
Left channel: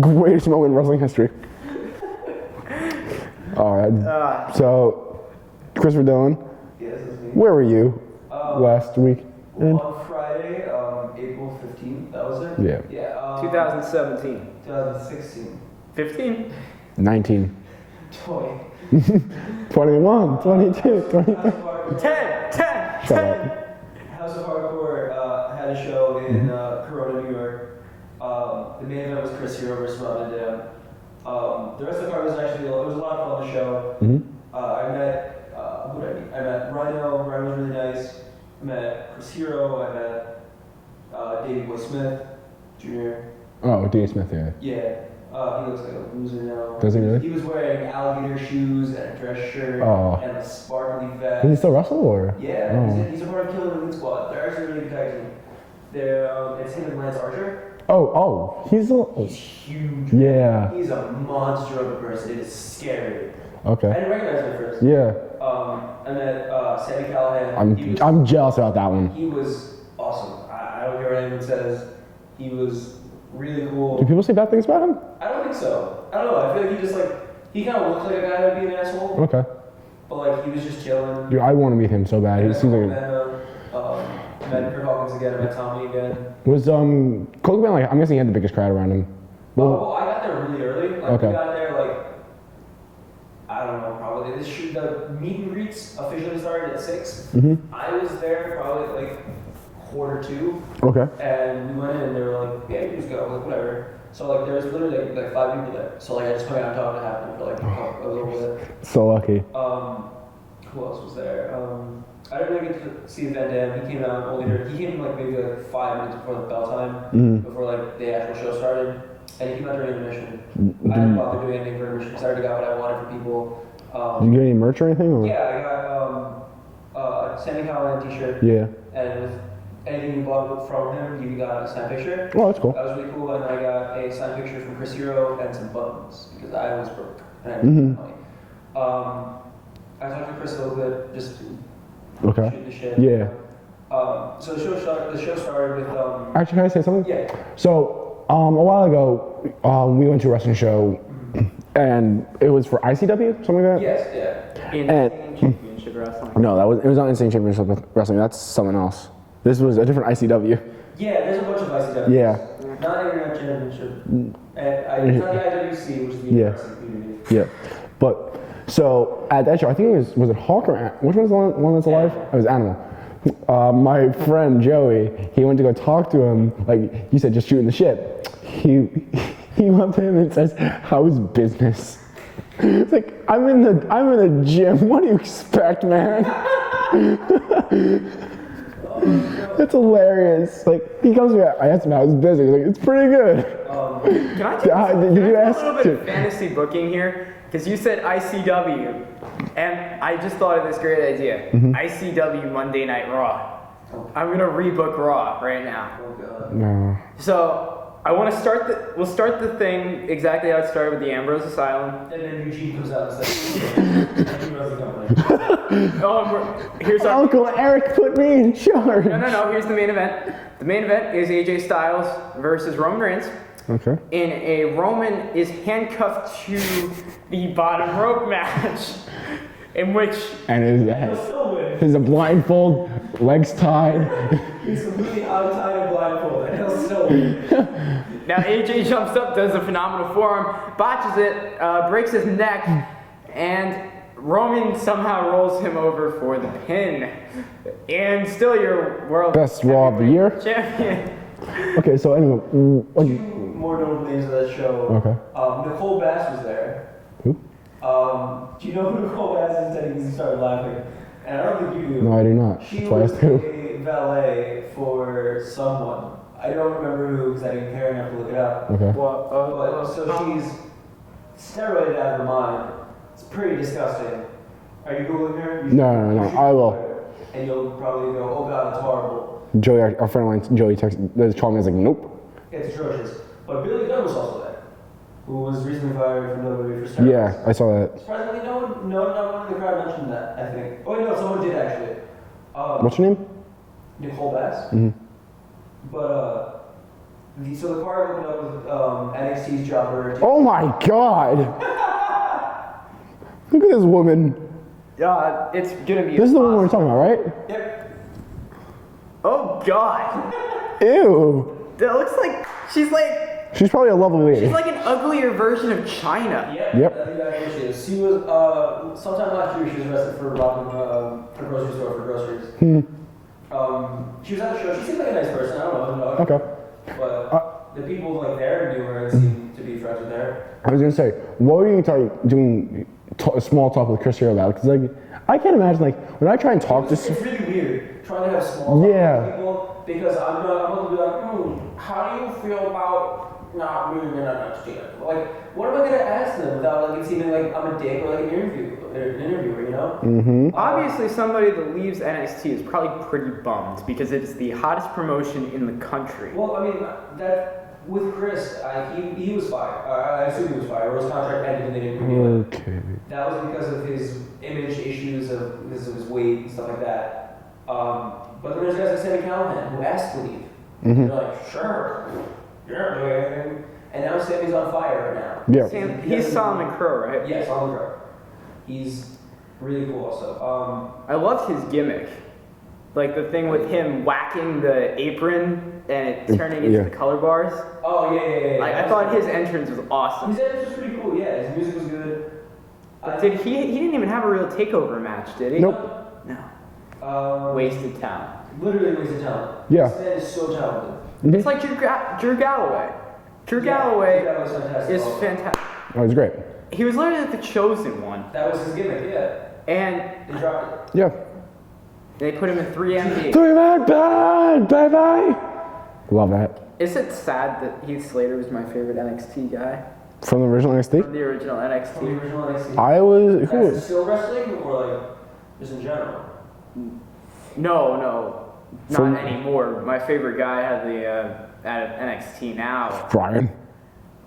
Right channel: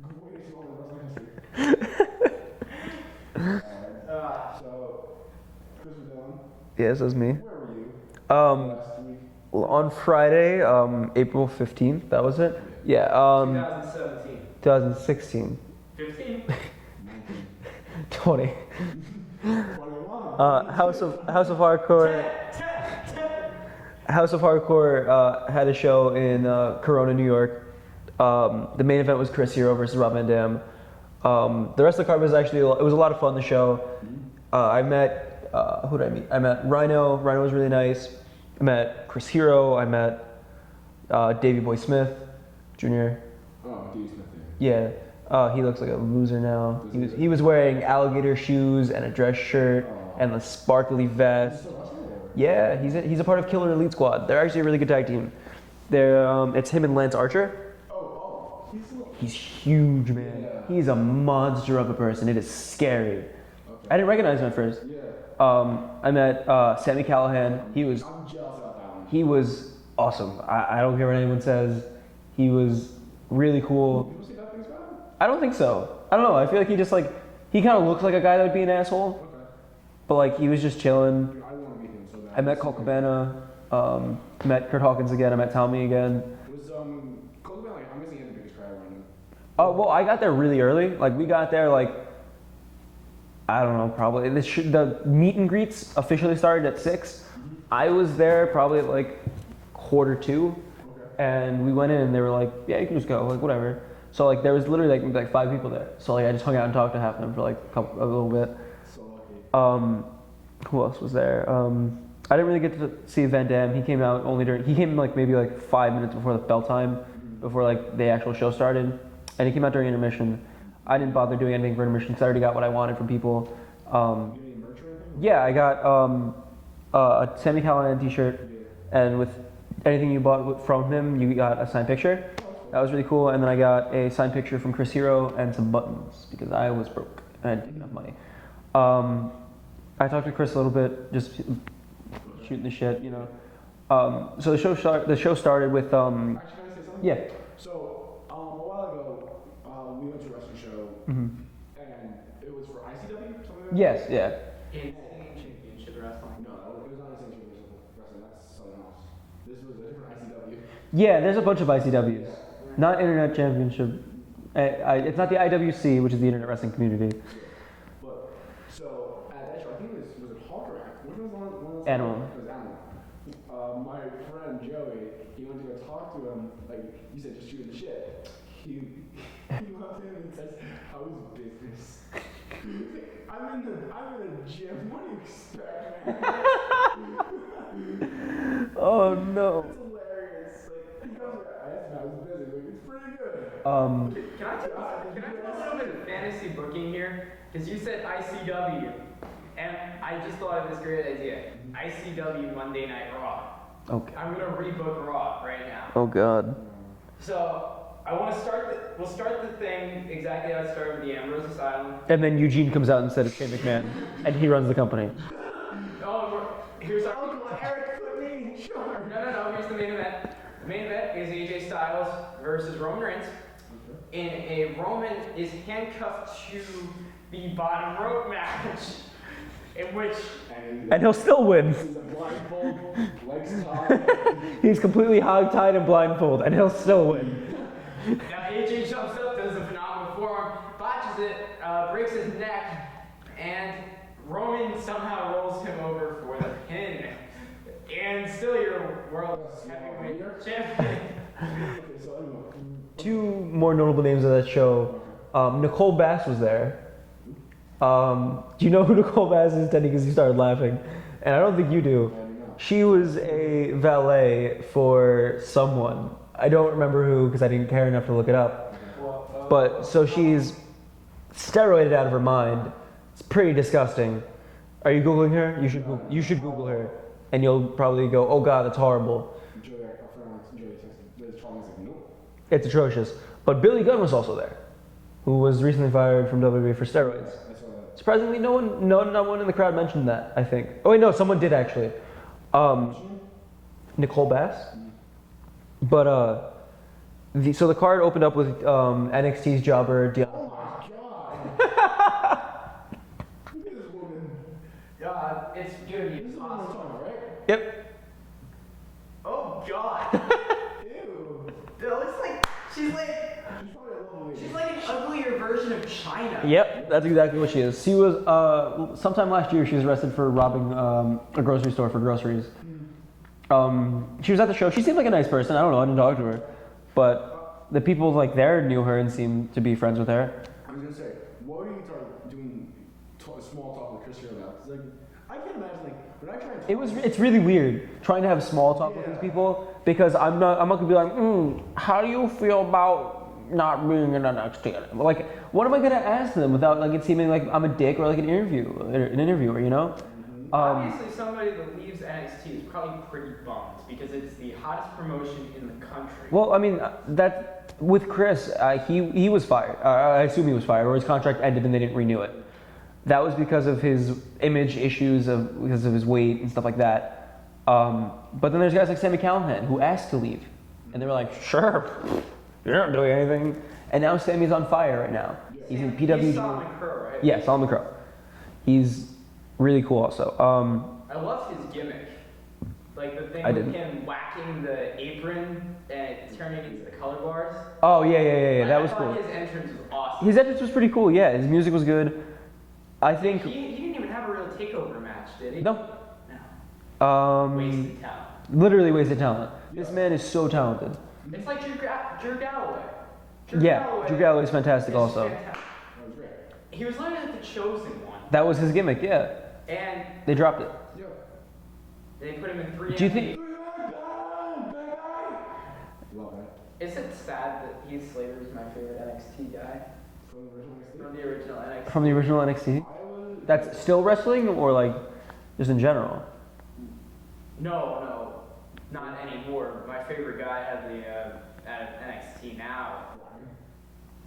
Greatest moment in wrestling history. All right. So, Christopher Dillon, Yes, that's me. where were you last week? On Friday, April 15th, that was it? Yeah. Yeah. 2017. 2016. 15? 19. 20. 21. 22. House of Hardcore. 10! Shut up. House of Hardcore had a show in Corona, New York. The main event was Chris Hero versus Rob Van Dam. The rest of the card was actually, it was a lot of fun, the show. I met, who did I meet? I met Rhino. Rhino was really nice. I met Chris Hero. I met Davey Boy Smith Jr. Oh, D. Smith, yeah. Yeah. He looks like a loser now. Does he really? He was wearing alligator shoes and a dress shirt and a sparkly vest. Does he still wrestle or? Yeah, Oh. he's a part of Killer Elite Squad. They're actually a really good tag team. It's him and Lance Archer. Oh, he's He's huge, man. Yeah. He's a monster of a person. It is scary. Okay. I didn't recognize him at first. Yeah. I met Sami Callihan. I'm jealous about that one. He was awesome. I don't care what anyone says. He was really cool. Do people say bad things about him? I don't think so. I don't know. I feel like he just like, he kind of looks like a guy that would be an asshole. Okay. But like, he was just chilling. Dude, I want to meet him so bad. I He met seems Cole like Cabana, met Kurt Hawkins again. I met Tommy again. was Cole Cabana, like, I'm guessing he had the biggest crowd around him. Well, I got there really early. Like, Okay. we got there like, I don't know, probably. The meet and greets officially started at 6. Mm-hmm. I was there probably at like 1:45. Okay. And we went in and they were like, yeah, you can just go, like whatever. So like there was literally like 5 people there. So like I just hung out and talked to half of them for like a little bit. So lucky. Who else was there? I didn't really get to see Van Dam. He came out only during, he came like maybe like 5 minutes before the bell time, before like the actual show started. And he came out during intermission. I didn't bother doing anything for intermission because I already got what I wanted from people. Did you get any merch or anything? Or? Yeah, I got a Sami Callihan t-shirt. Yeah. And with anything you bought from him, you got a signed picture. Oh, that's cool. That was really cool. And then I got a signed picture from Chris Hero and some buttons because I was broke. I didn't have money. I talked to Chris a little bit, just shooting the shit. Yeah. So the show started with. Actually, can I say something? Yeah. So a while ago, we went to a wrestling show, and it was for ICW, something like that. Yes. Yeah. Insane Championship Wrestling. No, it was not Insane Championship Wrestling. That's someone else. This was a different ICW. Yeah, there's a bunch of ICWs. Yeah. Not Internet Championship. It's not the IWC, which is the Internet Wrestling Community. Yeah. But so at that show, I think it was it Hawk or which one's the one that's alive? Animal. It was Animal. My friend Joey, he went to go talk to him. Like you said, just shooting the shit. He went up to him and says, "How's business?" It's like I'm in the gym. What do you expect, man? Oh no. That's hilarious. Like he comes to me, I asked him how his business. He's like, it's pretty good. Can I Did you ask? a little bit of fantasy booking here? Because you said ICW, and I just thought of this great idea. ICW Monday Night Raw. Okay. I'm gonna rebook Raw right now. Oh god. No. So I want to we'll start the thing exactly how it started with the Ambrose Asylum. And then Eugene comes out and says, and he runs the company. Here's our Uncle Eric put me in charge. No. Here's the main event. The main event is AJ Styles versus Roman Reigns. Okay. In a Roman is handcuffed to the bottom rope match, in which And And he'll still win. He's a blindfold, legs tied. He's completely hog-tied and blindfolded, and he'll still win. now AJ jumps up, does a phenomenal forearm, botches it, breaks his neck, and Roman somehow rolls him over for the pin. And still your world Best Raw of the year. champion. Okay, so anyway. 2 more notable names of that show. Okay. Nicole Bass was there. Who? Do you know who Nicole Bass is, Teddy? Because you started laughing. And I don't think you do. No, I do not. She So was that's who. a valet for someone. I don't remember who because I didn't care enough to look it up. Okay. But so she's steroided out of her mind. It's pretty disgusting. Are you Googling her? You should, No, you should I Google will. her. And you'll probably go, oh God, that's horrible. Joey, our friend of mine, Joey, called me. I was like, nope. It's atrocious. But Billy Gunn was also there, who was recently fired from WWE for steroids. Yeah, I saw that. Surprisingly, not one in the crowd mentioned that, I think. Oh wait, no, someone did actually. What's your name? Nicole Bass. But so the card opened up with NXT's jobber. Oh my God! Look at this woman. It's gonna be. This is the one we're talking about, right? Yep. Oh God! Ew. That looks like she's She's probably a lovely lady. she's like an uglier version of China. Yep. That's exactly what she is. She was sometime last year. She was arrested for robbing a grocery store for groceries. She was at the show. She seemed like a nice person. I don't know. I didn't talk to her. But the people like there knew her and seemed to be friends with her. I was gonna say, what were you doing small talk with Chris here about? Because like, I can't imagine like when I try and talk to. It's really weird trying to have small talk with people because I'm not gonna be like, how do you feel about not being an NXT. Like, what am I gonna ask them without like it seeming like I'm a dick or like an interviewer, you know? Mm-hmm. Obviously, somebody that leaves NXT is probably pretty bummed because it's the hottest promotion in the country. Well, I mean, that with Chris, he was fired. I assume he was fired, or his contract ended and they didn't renew it. Okay. That was because of his image issues, because of his weight and stuff like that. But then there's guys like Sami Callihan who asked to leave. Mm-hmm. And they're like, sure, you're not doing anything. And now Sami's on fire right now. Yeah. He's Solomon Crow, right? Yeah, Solomon Crow. He's really cool also. I loved his gimmick. Like the thing with him whacking the apron and it turning into the color bars. Oh, yeah. I thought his entrance was awesome. His entrance was pretty cool, yeah. His music was good. I think he didn't even have a real takeover match, did he? Nope. No. Wasted talent. Literally wasted talent. Yeah. This man is so talented. It's like Drew Galloway. Drew Galloway is fantastic also. fantastic. Oh, it was great. He was literally like the chosen one. That was his gimmick, yeah. And they dropped it. Yeah. They put him in 3MB. 3-man band, baby! Love that. Is it sad that Heath Slater was my favorite NXT guy? From the original NXT? From the original NXT. From the original NXT. I was. Who That's was? still wrestling or like just in general? No, not anymore. My favorite guy had the at NXT now. Brian.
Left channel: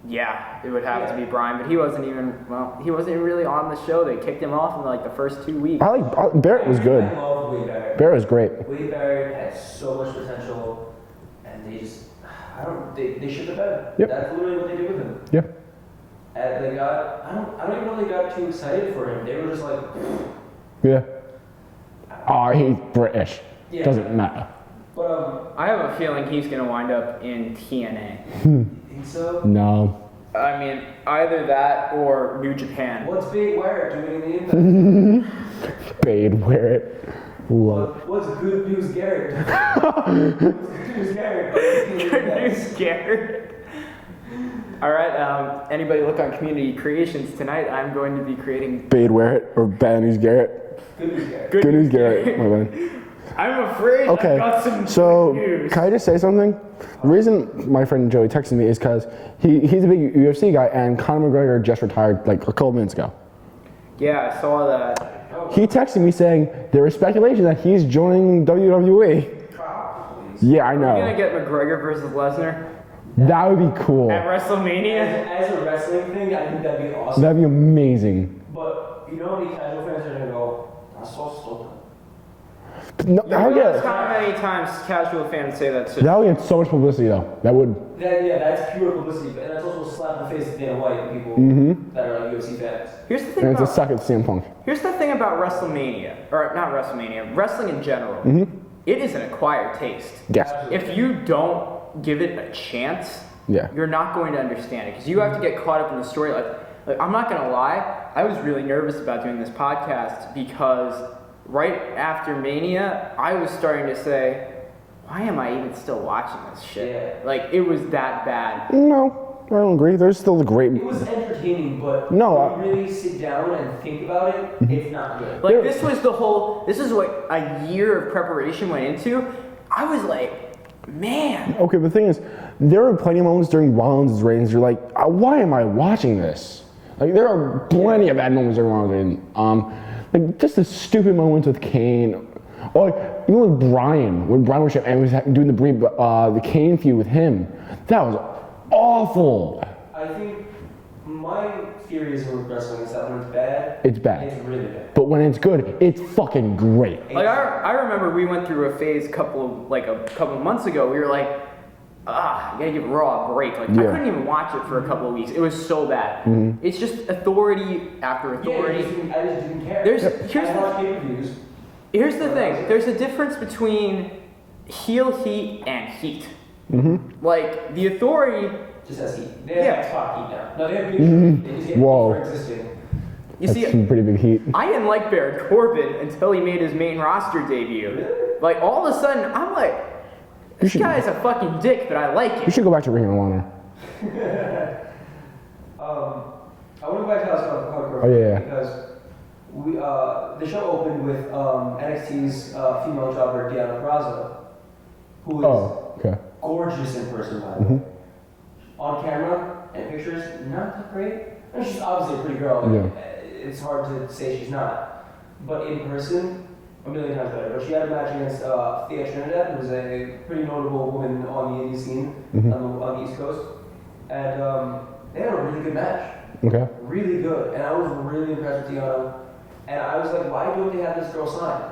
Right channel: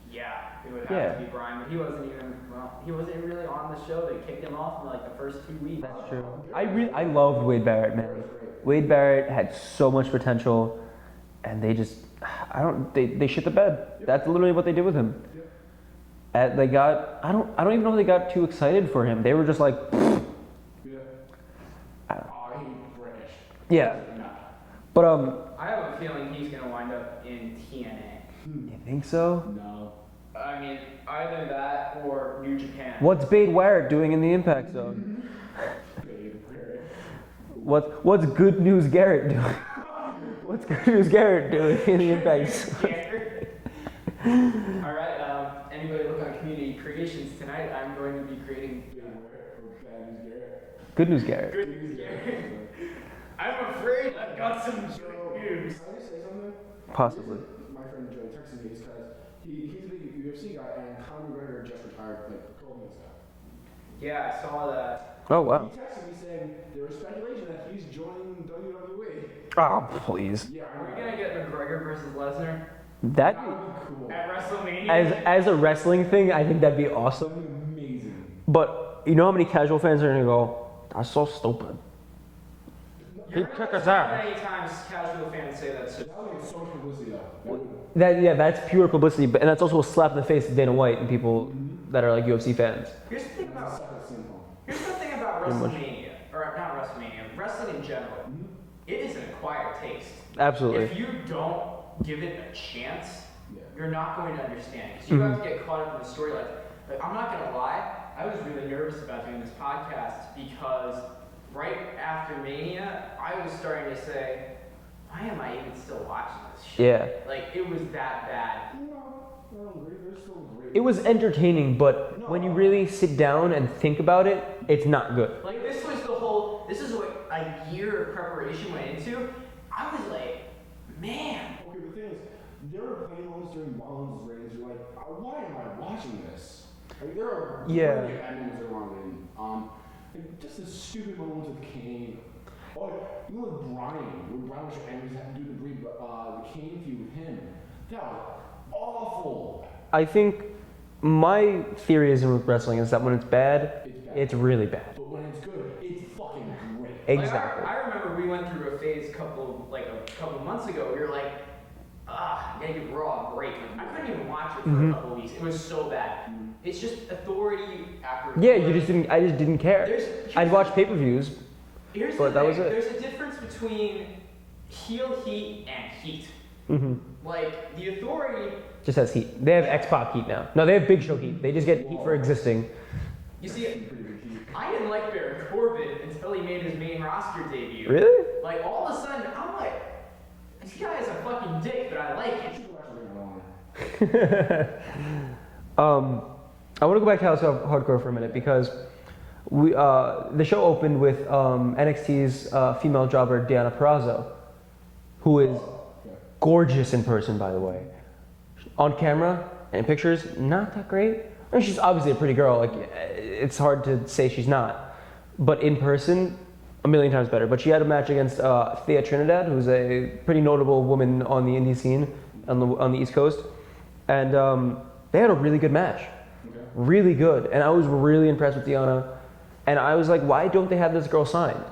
Yeah, it would have to be Brian, but he wasn't even really on the show. They kicked him off in like the first 2 weeks. Barrett was good. I loved Wade Barrett. Barrett was great. Wade Barrett had so much potential, and they just, they shit the bed. Yep. That's literally what they did with him. Yeah. They got, I don't even know if they got too excited for him. They were just like, Yeah. Oh, he's British. Yeah. Doesn't matter. But I have a feeling he's gonna wind up in TNA. you think so? No. I mean, either that or New Japan. What's Bade Warrick doing in the Impact Zone? Bade Warrick. What's Good News Garrett doing? What's Good News Garrett doing in the Impact Zone? Garrett. All right. Anybody look on Community Creations tonight? I'm going to be creating Bade Warrick or Bad News Garrett. Good News Garrett. Good News Garrett. My bad. I'm afraid Okay, I've got some so news. can I just say something? The reason my friend Joey texted me is because he's a big UFC guy, and Conor McGregor just retired like a couple minutes ago. Yeah, I saw that. Oh, wow. He texted me saying there is speculation that he's joining WWE. Oh, please. Yeah, I We're gonna know. get McGregor versus Lesnar That would be cool. at WrestleMania. As a wrestling thing, I think that'd be awesome. That'd be amazing. But you know how many casual fans are gonna go, that's so stupid. No, How many times casual fans say that shit? that would get so much publicity though. That would. That's pure publicity, and that's also a slap in the face of Dana White and people that are like UFC fans. Here's the thing And it's a about suck at CM Punk. here's the thing about WrestleMania, or not WrestleMania, wrestling in general. It is an acquired taste. Yes. Absolutely. If you don't give it a chance, Yeah. you're not going to understand it because you have to get caught up in the story. Like I'm not gonna lie, I was really nervous about doing this podcast because right after Mania, I was starting to say, why am I even still watching this shit? Yeah. Like it was that bad. No, I don't agree. There's still a great. It was entertaining, but No, when you really sit down and think about it, it's not good. Like this is what a year of preparation went into. I was like, man. Okay, but the thing is, there were plenty of moments during Rollins' reigns. You're like, why am I watching this? Like there are plenty of bad moments during Rollins' reign. Like just the stupid moments with Kane, or like, even with Brian, when Brian was and was doing the Kane feud with him. That was awful. I think my theory is with wrestling is that when it's bad, It's bad. It's really bad. But when it's good, it's fucking great. Like I remember we went through a phase a couple of months ago. We were like, you gotta give Raw a break. Like I couldn't even watch it for a couple of weeks. It was so bad. It's just authority after authority. Yeah, I just didn't care. I watched pay-per-views. Here's the thing. There's a difference between heel heat and heat. Like the authority Just has heat. They have X-Pac heat now. No, they have Big Show heat. They just get heat for existing. You That's see, some pretty big heat. I didn't like Baron Corbin until he made his main roster debut. Really? Like all of a sudden, I'm like, this guy's a fucking dick, but I like You it. should go back to Ring of Honor. I want to go back to House of Hardcore because we the show opened with NXT's female jobber Deonna Purrazzo, who is gorgeous in person, by the way. on camera and pictures, not that great. I mean, she's obviously a pretty girl. Like, it's hard to say she's not. But in person, a million times better. But she had a match against Thea Trinidad, who's a pretty notable woman on the indie scene on the East Coast. And they had a really good match. Okay. Really good. And I was really impressed with Deanna. And I was like, why don't they have this girl signed?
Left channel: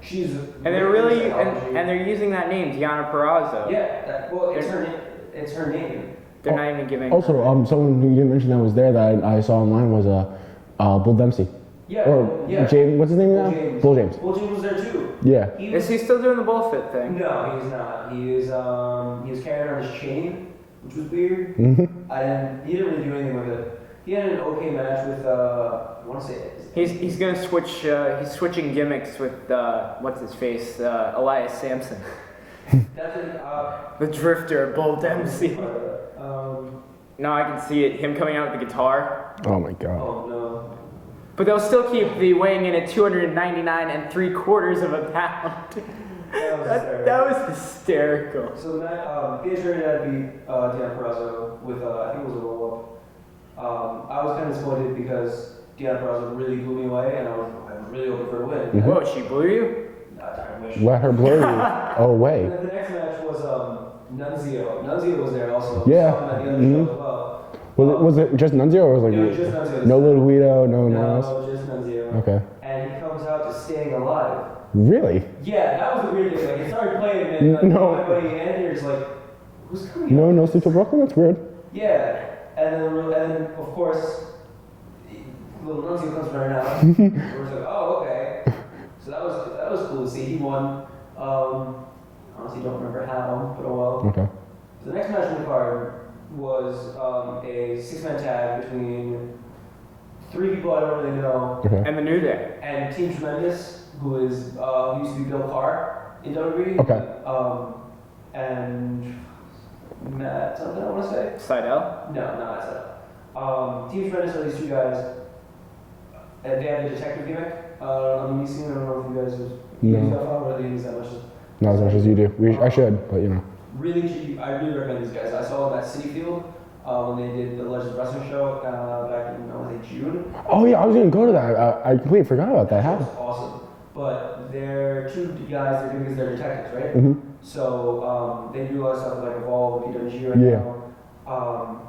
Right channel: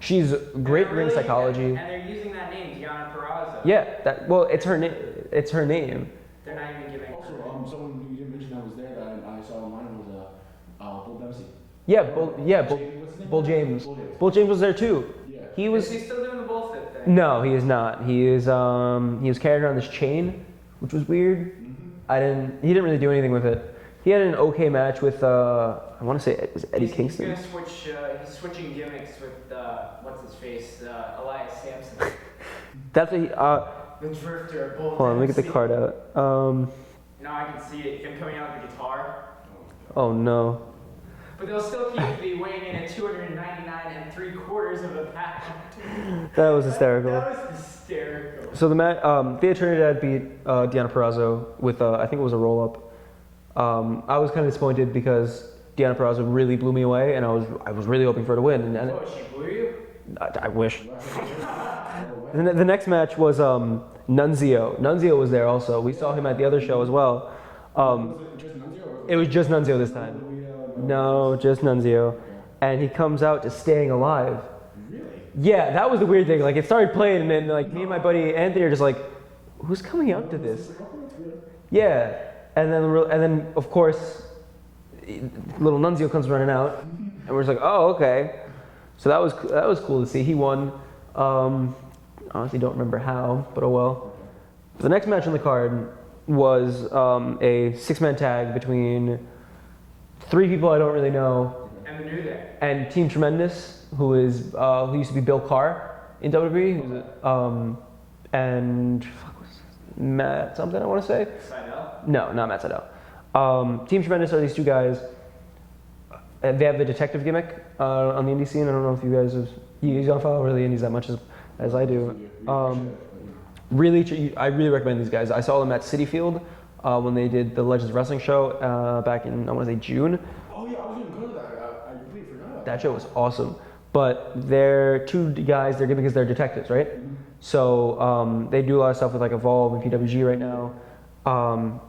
She's great with psychology. And they're using that name, Deanna Purrazzo. Yeah. It's her name. It's her name. They're not even giving. Also, someone who you didn't mention that was there that I saw online was Bull Dempsey. Yeah. James, what's his name? Bull now? James. Bull James. Bull James was there too. Yeah. Is he still doing the bullfit thing? No, he is not. He was carrying around this chain, which was weird. He didn't really do anything with it. He had an okay match with I want to say it was Eddie He's gonna switch. He's switching gimmicks with what's his face, Elias Sampson, That's the Drifter, Bull hold on, let me get Dempsey. the card out. No, I can see it. Him coming out with the guitar. Oh my god. Oh no. But they'll still keep the weighing in at 299 3/4 of a pound. That was hysterical. That was hysterical. So the match, Thea Trinidad beat Deanna Purrazzo with I think it was a roll up. I was kind of disappointed because Deanna Purrazzo really blew me away, and I was really hoping for her to win. And Whoa, she blew you? I wish. Let her blow you. Oh wait. The next match was Nunzio. Nunzio was there also. We saw him at the other show as well. Was it just Nunzio or was it? It was just Nunzio this no time. Little Guido, No, just Nunzio. Okay. And he comes out to Staying Alive. Really? Yeah, that was the weird thing. Like, it started playing, and like, me and my buddy Anthony are just like, who's coming out? No to Sleep Till Brooklyn. That's weird. Yeah, and then of course, little Nunzio comes running out, and we're just like, oh, okay. So that was cool to see. He won. Honestly, don't remember how, but oh well. Okay. The next match on the card was a 6-man tag between 3 people I don't really know, Okay. And the New Day. and Team Tremendous, who used to be Bill Carr in WWE. Okay. And Matt something I want to say. Seidel. No, not Matt Sydal. Team Tremendous are these 2 guys. And they have the detective gimmick on the indie scene. I don't know if you guys don't follow really indies that much as Not as much as you do. I should, but you know. I really recommend these guys. I saw them at City Field when they did the Legends Wrestling show back in, I want to say, June. Oh yeah, I was gonna go to that. I completely forgot about that. That show was awesome. But they're 2 guys, they're because they're detectives, right? So they do a lot of stuff with like Evolve and PWG right now.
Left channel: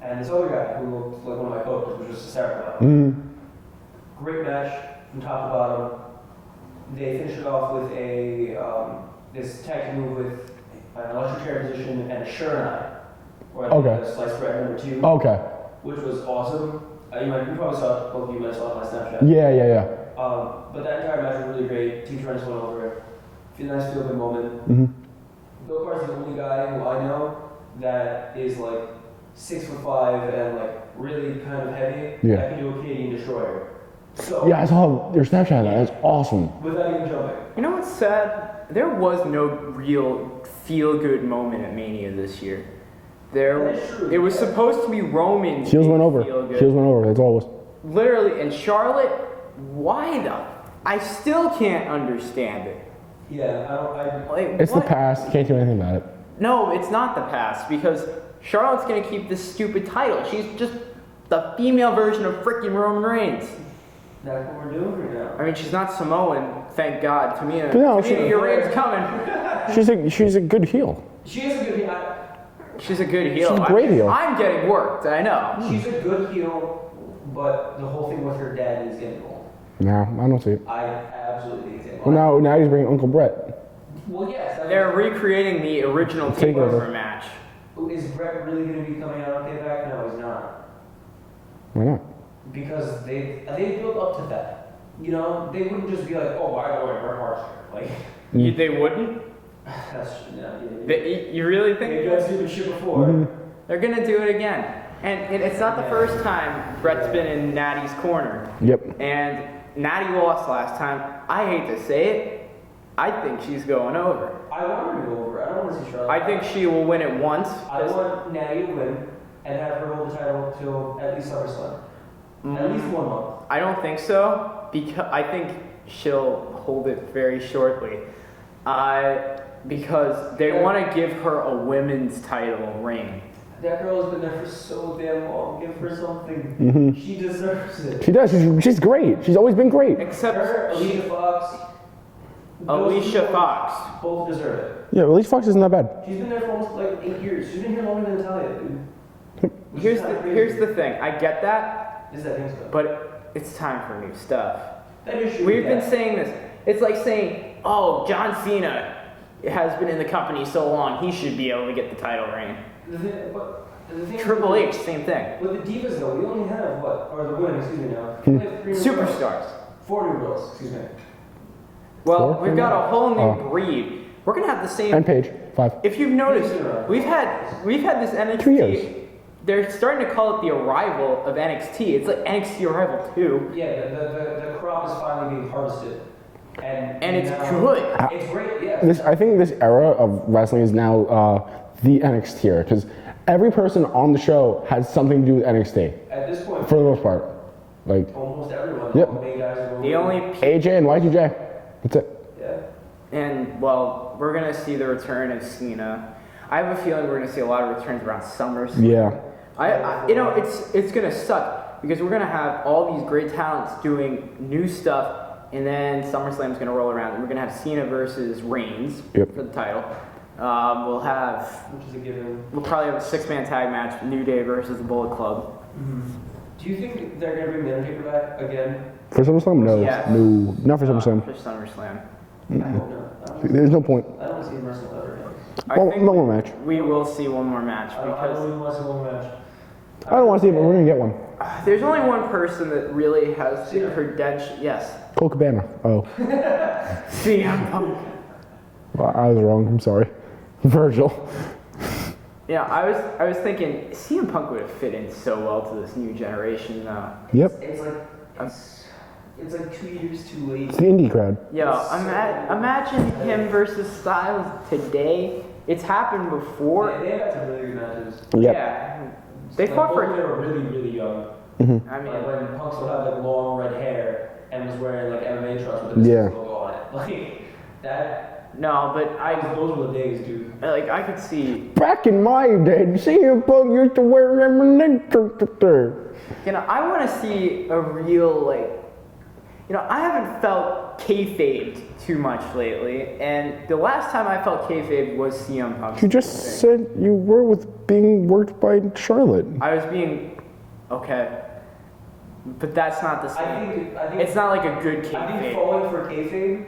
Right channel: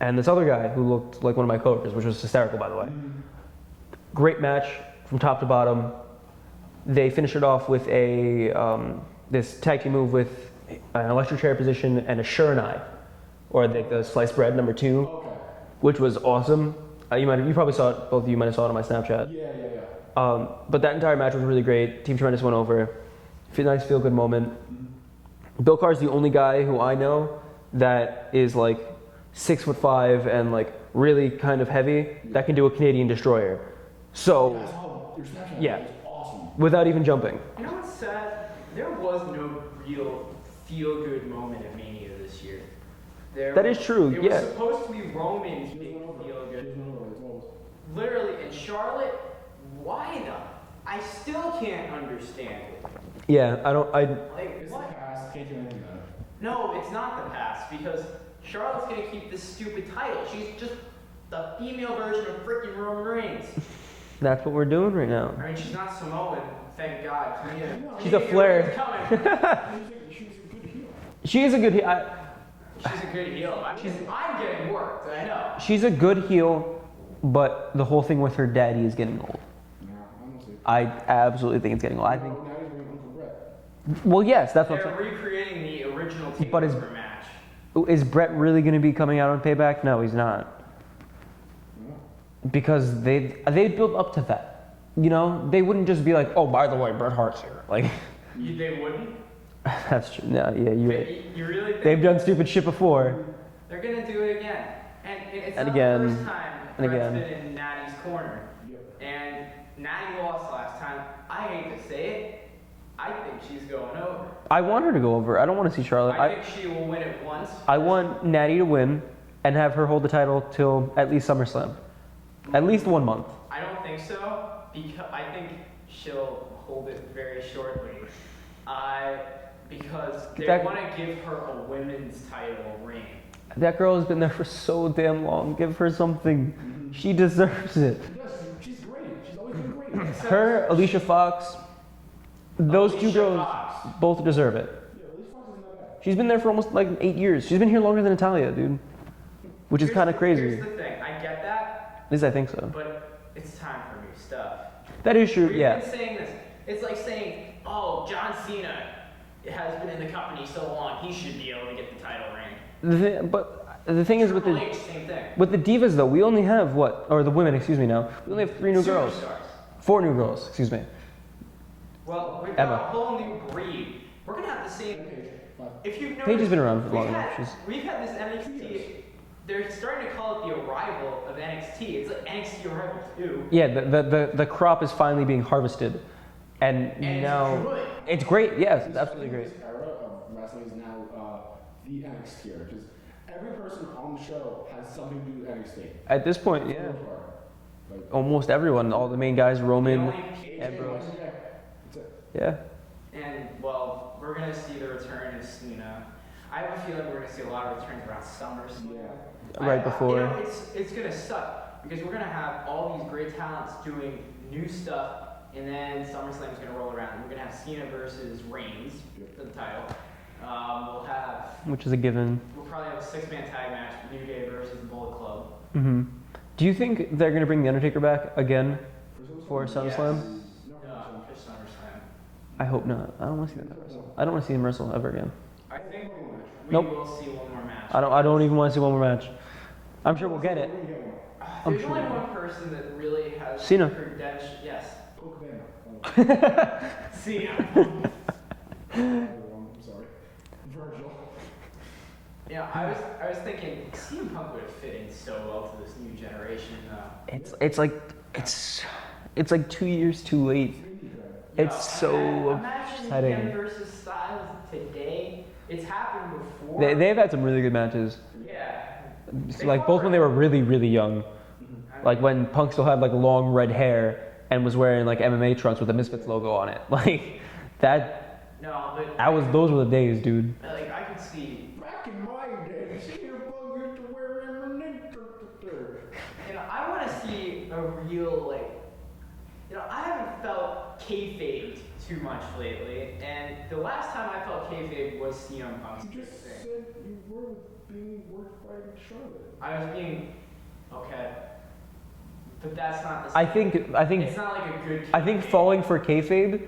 And this other guy who looked like one of my coworkers, which was hysterical by the way. Great match from top to bottom. They finish it off with a this tag team move with an electric chair position and a Shurnai, or like a sliced bread number 2. Okay. Which was awesome. You probably saw it. Both of you might have saw it on my Snapchat. Yeah. But that entire match was really great. Team Tremendous went over. Nice feel good moment. Bill Carr's the only guy who I know that is like 6'5" and like really kind of heavy that can do a Canadian destroyer. So yeah, I saw your Snapchat. Yeah, that's awesome. Without even jumping. You know what's sad? There was no real feel-good moment at Mania this year. That is true. It was supposed to be Roman. Heels went over. Feel-good. Heels went over. That's all it was. Literally, and Charlotte, why though? I still can't understand it. Yeah, It's the past. Can't do anything about it. No, it's not the past because Charlotte's gonna keep this stupid title. She's just the female version of freaking Roman Reigns. That's what we're doing right now. I mean, she's not Samoan, thank God. Tamina, No, your Reigns coming. She's a good heel. She is a good heel. She's a good heel. She's a great heel. I'm getting worked, I know. She's a good heel, but the whole thing with her daddy is getting old. No, I don't see it. I absolutely think it's getting old. Now he's bringing Uncle Brett. Well, yes, that's They're recreating the original Takeover match. Is Brett really going to be coming out on Payback? No, he's not. Why not? Because they built up to that. You know, they wouldn't just be like, oh, by the way, Bret Hart's here. Like, They wouldn't? that's true. No, You really think they've done stupid shit before. They're gonna do it again? And it's not the first time Brett's been in Natty's corner. Yep. And Natty lost last time. I hate to say it, I think she's going over. I want her to go over. I don't want to see Charlotte. I think she will win it once. I want Natty to win and have her hold the title till at least SummerSlam. At least 1 month. I don't think so, because I think she'll hold it very shortly. Because they want to give her a women's title reign. That girl has been there for so damn long. Give her something. She deserves it. She does. She's great. She's always been great. Except Her, Alicia Fox. Those two Alicia girls Fox. both deserve it. Yeah, Alicia Fox isn't that bad. She's been there for almost like 8 years. She's been here longer than Natalia, dude. Which is kind of crazy. Here's the thing. I get that. At least I think so. But it's time for new stuff. That is true. We've yeah. been saying this. It's like saying, oh, John Cena has been in the company so long, he should be able to get the title reign. The thing is, Triple H, same thing. with the divas though, we only have what? Or the women, excuse me now. We only have 3 new girls. Superstars. 4 new girls, excuse me. Well, Four? we've got a whole new breed. We're gonna have the same. And Paige, 5. If you've noticed, been around for we've a had while. this NXT. 2 years. They're starting to call it the arrival of NXT. It's like NXT Arrival 2. Yeah, the crop is finally being harvested. And it's now- good. It's great, yes. I think this era of wrestling is now the NXT era because every person on the show has something to do with NXT At this point, for the most part. Like almost everyone, all Yep. the main guys, Roman. The only AJ and Y2J. That's it. Yeah. And well, we're gonna see the return of Cena. I have a feeling we're gonna see a lot of returns around SummerSlam. Yeah. You know, it's gonna suck because we're gonna have all these great talents doing new stuff, and then SummerSlam's gonna roll around, and we're gonna have Cena versus Reigns Yep. for the title. We'll have Which is a given. we'll probably have a 6-man tag match: New Day versus the Bullet Club. Do you think they're gonna bring the Undertaker back again? For SummerSlam? No. Yes. No. Not for SummerSlam. For SummerSlam. I hope not. I don't. There's no point. I don't want to see him wrestle ever again. I Well, think no more match. we Nope. will see one more match. I don't even want to see one more match. I don't want to see it, but we're going to get one. There's only one person that really has Cena. credentials. Yes. Cole Cabana. Oh. CM Punk. Well, I was wrong. I'm sorry. Virgil. Yeah, I was thinking CM Punk would have fit in so well to this new generation though. Yep. It's like 2 years too late. It's the indie crowd. Yo, It's so imagine him tight. versus Styles today. It's happened before. They've had some really good matches. Yep. Yeah. They Like fought both for- when they were really, really young. I mean, Like when Punk still had like long red hair and was wearing like MMA trunks with the Misfits Yeah. logo on it. Like that. no, but Those were the days, dude. I could see. Back in my day, CM Punk used to wear eminent. You know, I want to see a real I haven't felt kayfabe too much lately, and the last time I felt kayfabe was CM Punk. You just said you were with being worked by Charlotte. I was being okay, but that's not the same. I think It's not like a good kayfabe. I think falling for kayfabe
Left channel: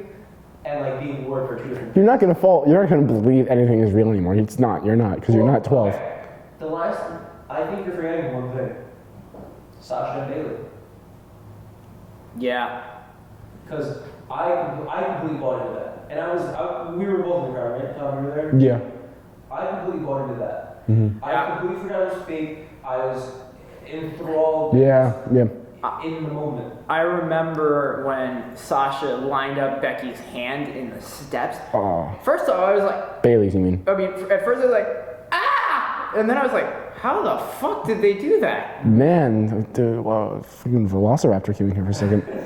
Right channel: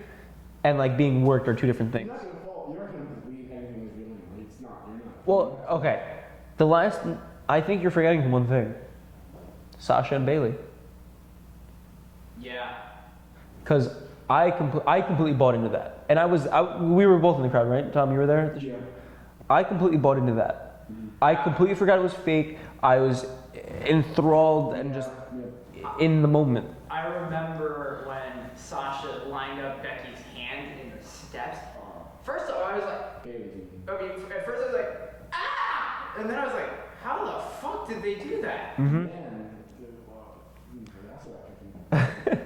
and like being worked are two different You're things. not gonna fall. You're not gonna believe anything is real anymore. It's not. You're not because you're not 12. Okay. I think you're forgetting one thing. Sasha and Bailey. Yeah. Because I completely bought into that. And we were both in the crowd, right? Tom, you were there? Yeah. I completely bought into that. Mm-hmm. I completely forgot it was fake. I was enthralled and Yeah. Yeah. just in the moment. I remember when Sasha lined up Becky's hand in the steps. Oh, First off, I was like, Bailey's. You mean? at first I was like, ah! And then I was like, how the fuck did they do that? Man, dude, wow, freaking Velociraptor queuing here for a second.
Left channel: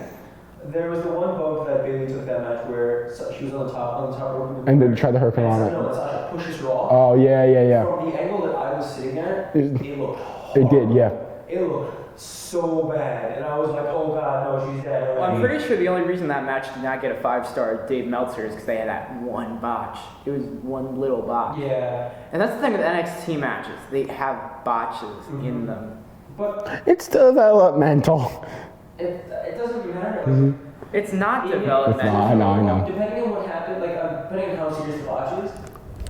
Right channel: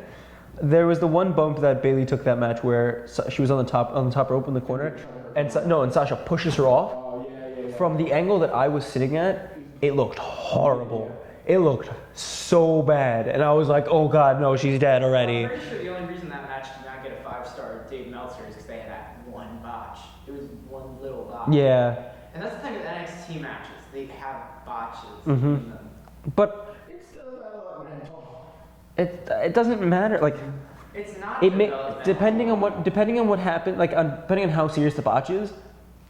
There was the one bump that Bailey took that match where she was on the top rope in the And corner. they tried to hurricane on it. No, and Sasha pushes her off. Oh yeah. From the angle that I was sitting at, it looked It horrible. did, yeah. It looked so bad, and I was like, "Oh God, no, she's dead already." I'm pretty sure the only reason that match did not get a 5-star Dave Meltzer is because they had that one botch. It was one little botch. Yeah, And that's the thing with NXT matches. They have botches in them. but It's developmental. it doesn't matter. Like It's not it developmental. No. depending on what happened, like depending on how serious the botch is,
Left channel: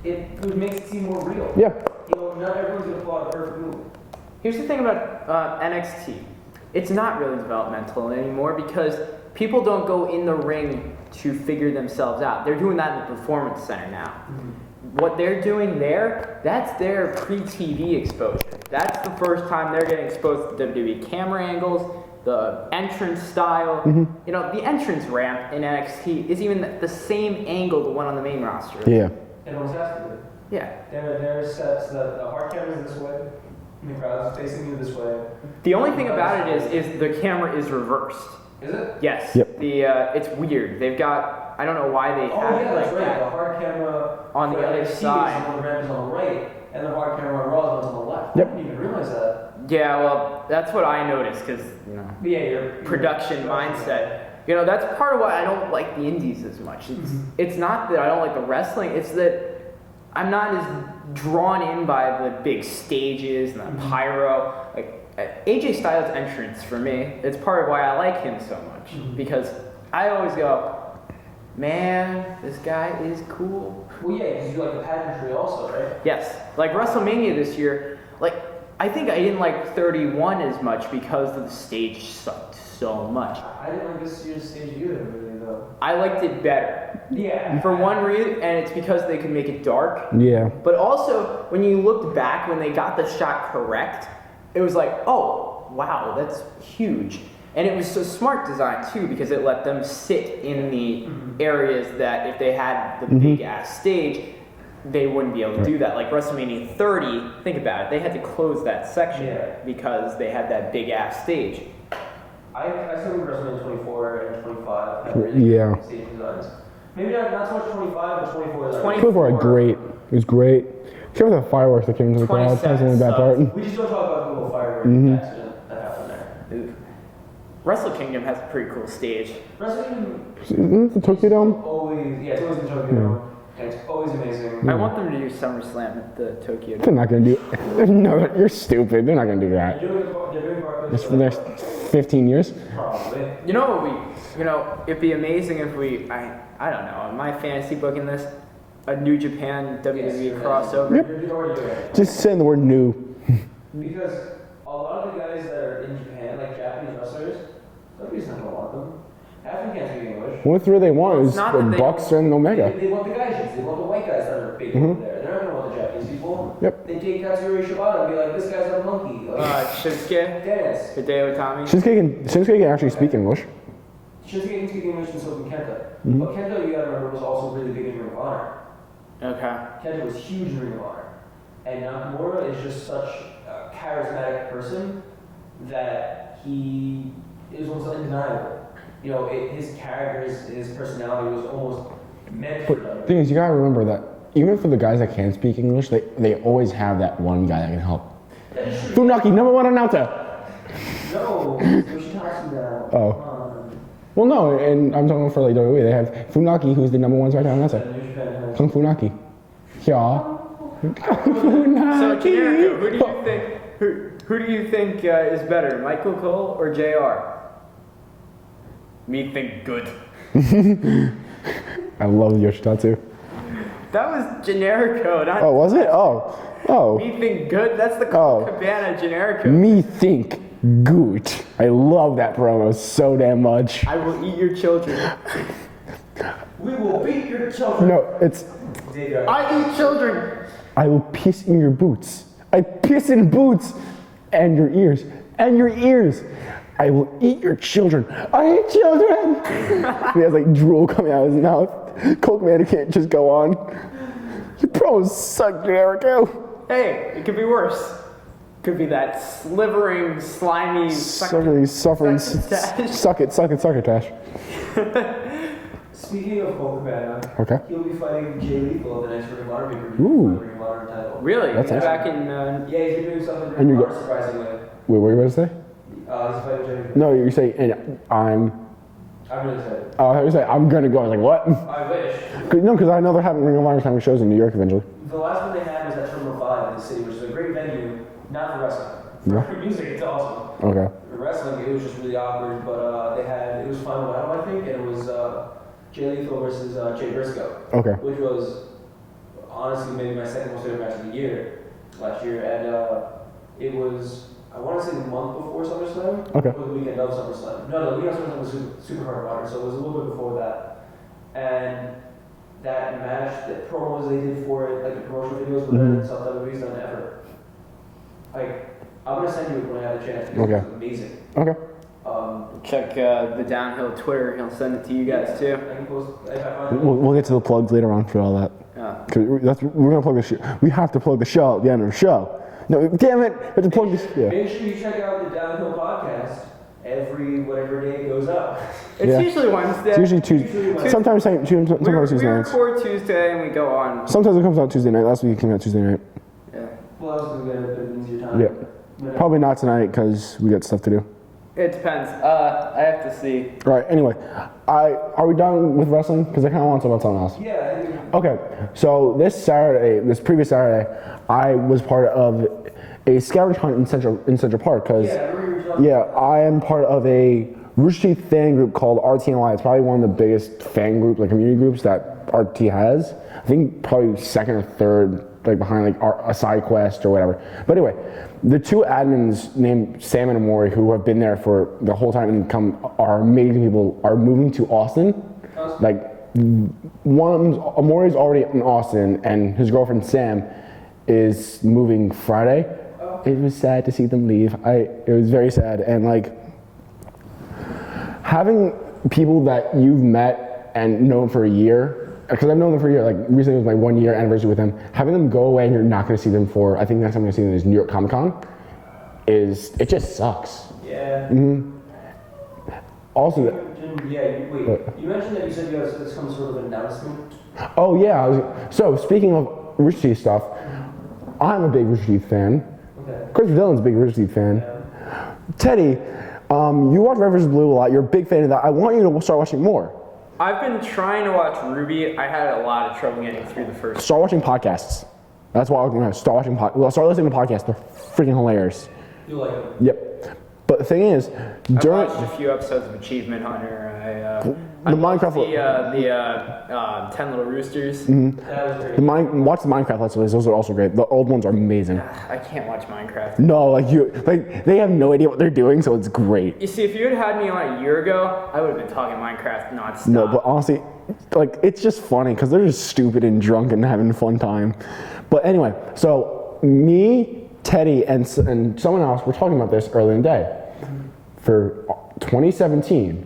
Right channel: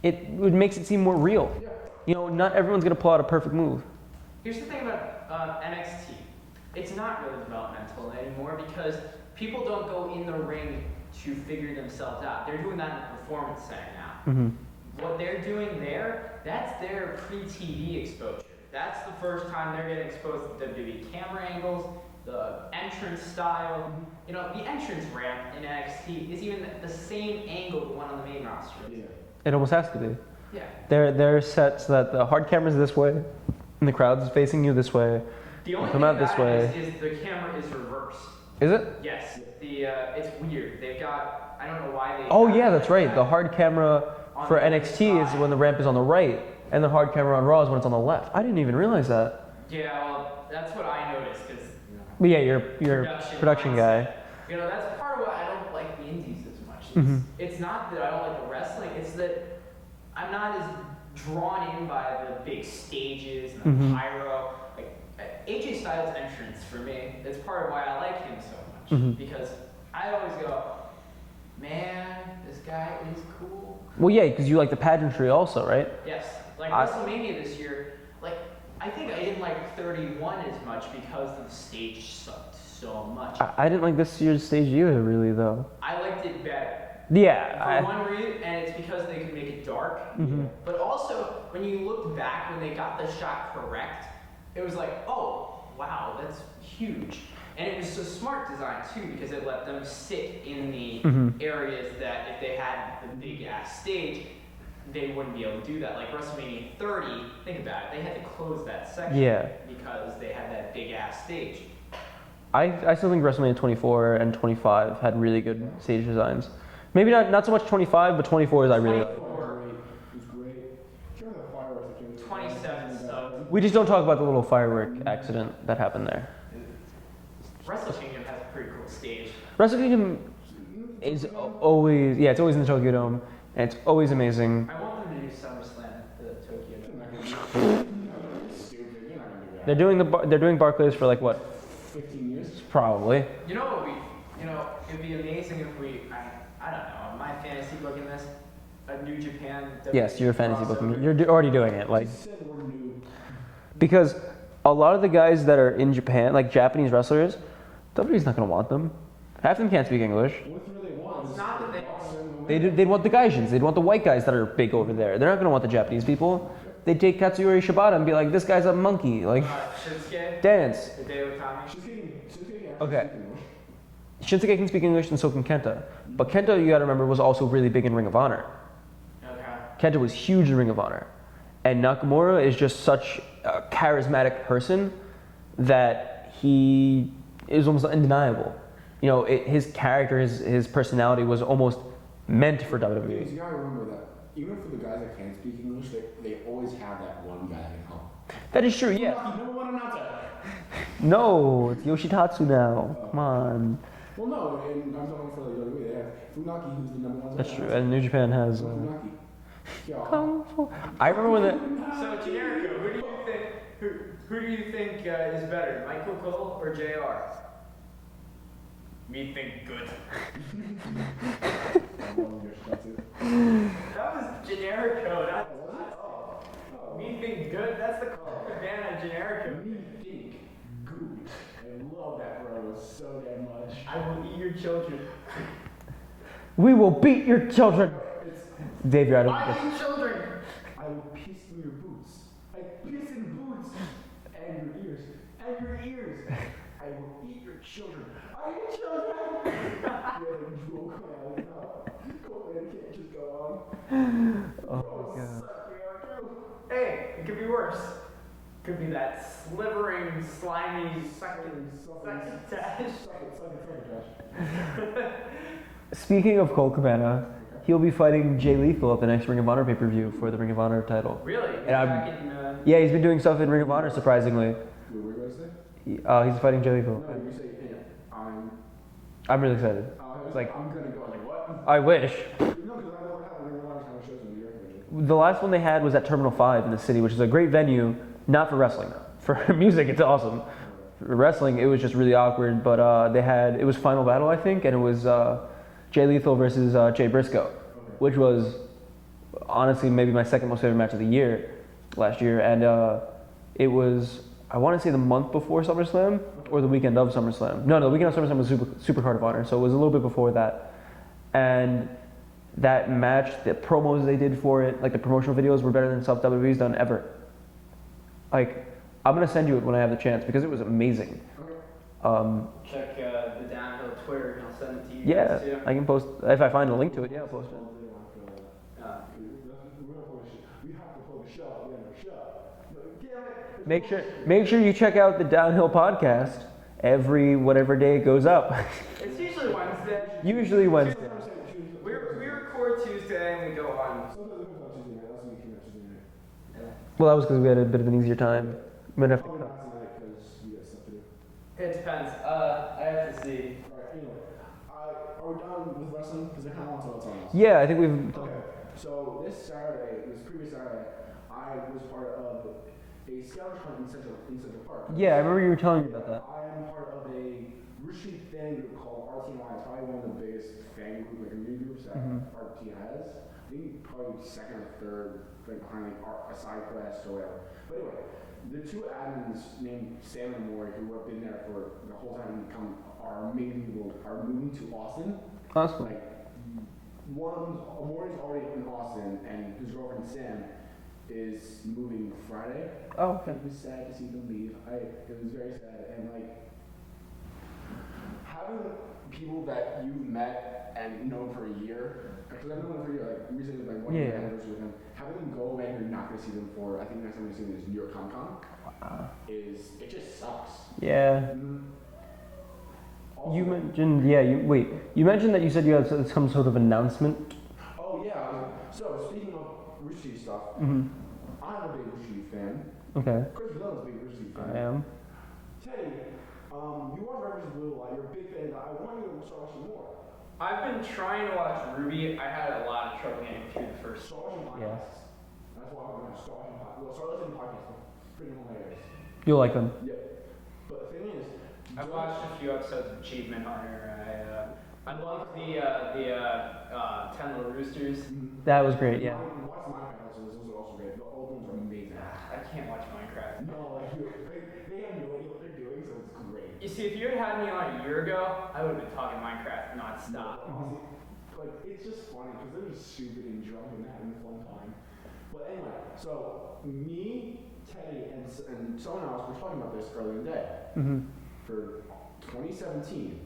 it makes it seem more real. Yeah. You know, not everyone's gonna pull out a perfect move. Here's the thing about NXT. It's not really developmental anymore because people don't go in the ring to figure themselves out. They're doing that in the performance center now. What they're doing there, that's their pre-TV exposure. That's the first time they're getting exposed to WWE camera angles, the entrance style. You know, the entrance ramp in NXT is even the same angle the one on the main roster. Yeah. It almost has to be. Yeah. They're set so that the hard camera's this way, and the crowd's facing you this way. The only Come thing out about this it is the camera is reversed. Is it? Yes. Yep. It's weird. They've got, I don't know why they Oh have it yeah, that's like right. that. The hard camera On for the other NXT side. is when the ramp is on the right, and the hard camera on Raw is when it's on the left. I didn't even realize that. Yeah, well, that's what I noticed because But yeah, you're production mindset. guy. That's part of why I don't like the indies as much. It's not that I don't like the wrestling, it's that I'm not as drawn in by the big stages and the pyro. Like AJ Styles' entrance for me, it's part of why I like him so much. Because I always go, man, this guy is cool. Well, yeah, because you like the pageantry also, right? Yes. Like WrestleMania this year, I think I didn't like 31 as much because the stage sucked so much. I didn't like this year's stage either, really, though. I liked it better. Yeah. For one reason, and it's because they could make it dark. Yeah. But also, when you looked back, when they got the shot correct, it was like, oh, wow, that's huge. And it was so smart design, too, because it let them sit in the areas that if they had the big-ass stage, they wouldn't be able to do that. Like WrestleMania 30, think about it, they had to close that section because they had that big-ass stage. I still think WrestleMania 24 and 25 had really good stage designs. Maybe not so much 25, but 24 is like really 24 are great. It was great. Except for the fireworks that came into the crowd. That's the only bad part. We just don't talk about the little firework accident that happened there. Wrestle Kingdom has a pretty cool stage. Wrestle Kingdom Isn't it the Tokyo Dome? it's always in Tokyo Dome, and it's always amazing. I want them to do SummerSlam at the Tokyo Dome. They're not going to do. No, you're stupid. They're not going to do that. They're doing Barclays for the like next what? 15 years. Probably. You know what it'd be amazing if I don't know, in my fantasy book in this, a New Japan WWE crossover. You're already doing it. Just saying the word new. Because a lot of the guys that are in Japan, like Japanese wrestlers, WWE's not going to want them. Half of them can't speak English. What three they want is not the that they- Bucks and Omega. They'd want the Gaijins. They'd want the white guys that are big over there. They're not going to want the Japanese people. Yep. They'd take Katsuyori Shibata and be like, this guy's a monkey. Like, Shinsuke, dance. Hideo Itami. Shinsuke can actually speak English. Shinsuke can speak English and so can Kenta. But Kenta, you got to remember, was also really big in Ring of Honor. Okay. Kenta was huge in Ring of Honor. And Nakamura is just such a charismatic person that he is almost undeniable. His character, his personality was almost meant for The WWE. thing is, you gotta remember that even for the guys that can speak English, they always have that one guy that can help. That is true. Funaki, number one announcer. No, Yoshitatsu now. Oh. Come on. Well, no, and I'm talking for like WWE. They have Funaki, who's the number one SmackDown announcer. And New Japan has. Kung Funaki. Yeah. I remember that. So Generico, who do you think is better, Michael Cole or JR? Me think good. I love Yoshitatsu. That was Generico, not Oh, was it? Oh. Me think good. That's the Cabana Generico. Me think good. I love that promo so damn much. I will eat your children. We will beat your children. No, it's Dave, you're out of I eat children. I will piss in your boots. I piss in boots and your ears. And your ears. I will eat your children. I eat children. He has like drool coming out of his mouth. Coke Man can't just go on. Your promos suck, Jericho. Hey, it could be worse. Could be that slivering, slimy, Suffering. Suck it, Tash. Speaking of Cole Cabana, Okay. he'll be fighting Jay Lethal at the next Ring of Honor pay-per-view for the Ring of Honor title. Really? That's Back in. Yeah, he's been doing stuff in Ring of Honor, surprisingly. Wait, what were you about to say? He's fighting Jay Lethal. No, you're saying, and I'm really excited. I was like, I'm gonna go. I was like, what? I wish. No, because I know they're having Ring of Honor having shows in New York eventually. The last one they had was at Terminal 5 in the city, which is a great venue, not for wrestling. For music, it's awesome. Okay. For wrestling, it was just really awkward, but it was Final Battle, I think, and it was Jay Lethal versus Jay Briscoe. Okay. Which was honestly maybe my second most favorite match of the year last year, and it was, I want to say the month before SummerSlam or the weekend of SummerSlam. No, the weekend of SummerSlam was super Card of Honor, so it was a little bit before that. And that match, the promos they did for it, like the promotional videos were better than stuff WWE's done ever. Like, I'm gonna send you it when I have the chance because it was amazing. Okay. Check the Downhill Twitter. He'll send it to you guys too. I can post if I find a link. We'll get to the plugs later on for all that. Cause we're gonna plug the show. We have to plug the show at the end of the show. No, damn it! We have to plug this. Yeah. Make sure you check out the Downhill podcast every whatever day it goes up. It's usually Wednesday. It's usually Tuesday. Wednesday. Sometimes Tuesday We nights. record Tuesday and we go on. Sometimes it comes out Tuesday night. Last week it came out Tuesday night. Yeah. Well, that was because we had a bit of an easier time. Yeah. But Probably not tonight because we got stuff to do. It depends. I have to see. All right. Anyway, are we done with wrestling? Because I kind of want to talk about something else. yeah, I think we've. Okay. So this previous Saturday, I was part of a scavenger hunt in Central Park. Cause, Yeah, I remember you were telling me. yeah, about that. I am part of a Rooster Teeth fan group called RTNY. It's probably one of the biggest fan groups, like community groups that RT has. I think probably second or third, like behind like a side quest or whatever. But anyway, the two admins named Sam and Amori, who have been there for the whole time and are amazing people, are moving to Austin. Awesome. Like Amori's already in Austin, and his girlfriend Sam is moving Friday. Oh. It was sad to see them leave. It was very sad, and like having people that you've met and known for a year, because I've known them for a year, like recently was my 1 year anniversary with them, having them go away and you're not going to see them for, I think the next time I'm going to see them is New York Comic Con, it just sucks. Yeah. Also, You mentioned, you mentioned that you said you had some sort of announcement. oh yeah, so speaking of Rooster Teeth stuff, I'm a big Rooster Teeth fan. Okay. Chris Dillon's a big Rooster Teeth fan. Yeah. Teddy, you watch Red vs. Blue a lot, you're a big fan of that. I want you to start watching more. I've been trying to watch Ruby. I had a lot of trouble getting through the first. Start watching podcasts. That's why I'm going to start watching start listening to podcasts. They're freaking hilarious. You'll like them. Yep. But the thing is, I watched a few episodes of Achievement Hunter. I watched the 10 Little Roosters. That was great. Watch the Minecraft Let's Plays. Those are also great. The old ones are amazing. I can't watch Minecraft. No, they have no idea what they're doing, so it's great. You see, if you had me on a year ago, I would have been talking Minecraft nonstop. No, but honestly, like it's just funny because they're just stupid and drunk and having a fun time. But anyway, so me, Teddy, and someone else were talking about this earlier in the day. For 2017,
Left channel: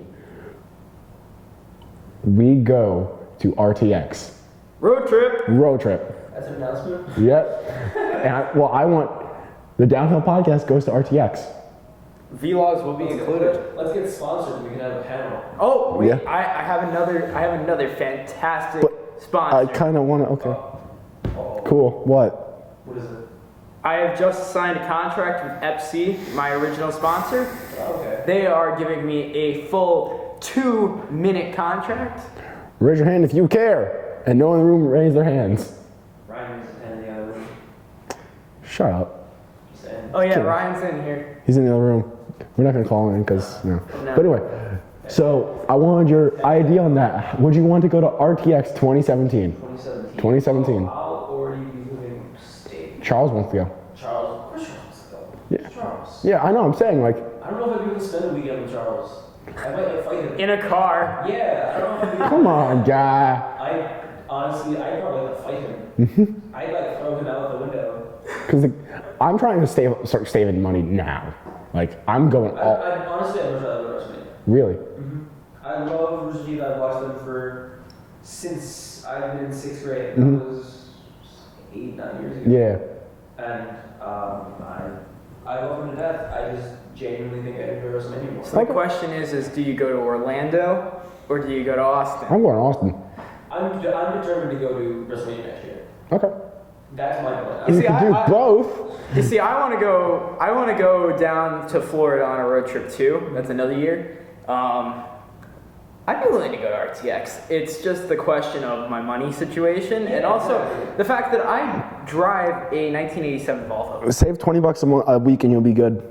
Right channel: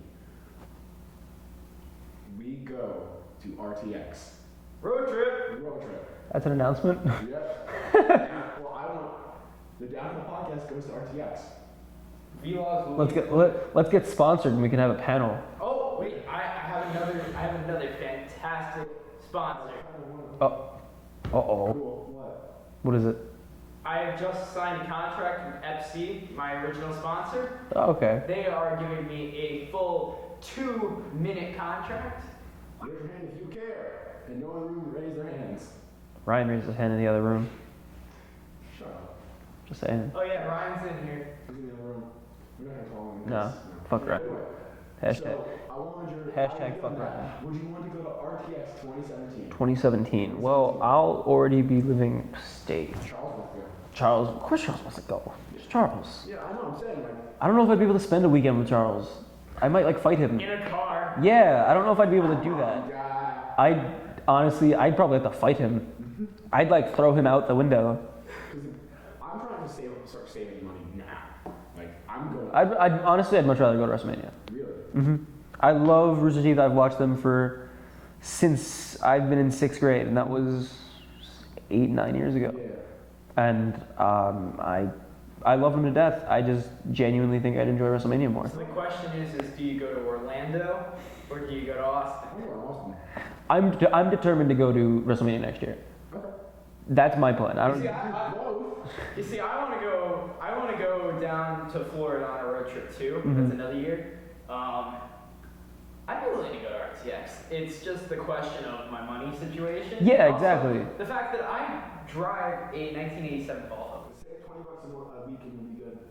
we go to RTX. Road trip. That's an announcement. Yep. And I want the Downhill podcast goes to RTX. Vlogs will be included. Let's get sponsored and we can have a panel. Oh wait, Yeah. I have another fantastic sponsor. I kind of want to. Okay. Uh-oh. Cool. What? What is it? I have just signed a contract with FC, my original sponsor. Okay. They are giving me a full 2-minute contract. Raise your hand if you care. And no one in the room raised their hands. Ryan raised his hand in the other room. Shut up. Just saying. Oh yeah, Kidding. Ryan's in here. He's in the other room. We're not gonna call him in because no. No. But anyway, so I wanted your idea on that. Would you want to go to RTX 2017? 2017. 2017. Well, I'll already be moving state. Charles wants to go. Charles, of course Charles wants to go. Yeah. Charles. Yeah, I know. I'm saying like. I don't know if I'd be able to spend a weekend with Charles. I might like fight him. In a car. Yeah, I don't know if I'd be able to. Come on, guy. I'd probably have to fight him. I'd like throw him out the window. Because I'm trying to start saving money now. Like I'm going. Honestly, I'd much rather go to WrestleMania. Really? I love Rooster Teeth. I've watched them since I've been in 6th grade, and that was 8-9 years ago. Yeah. And I love them to death. I just genuinely think I'd enjoy WrestleMania more. So the question is do you go to Orlando or do you go to Austin? I'm going to Austin. I'm determined to go to WrestleMania next year. Okay. That's my plan. You See, can do both. You see, I want to go down to Florida on a road trip too. That's another year. I'd be willing to go to RTX. It's just the question of my money situation. Yeah, and also exactly. the fact that I drive a 1987 Volvo. Save $20 a week and you'll be good.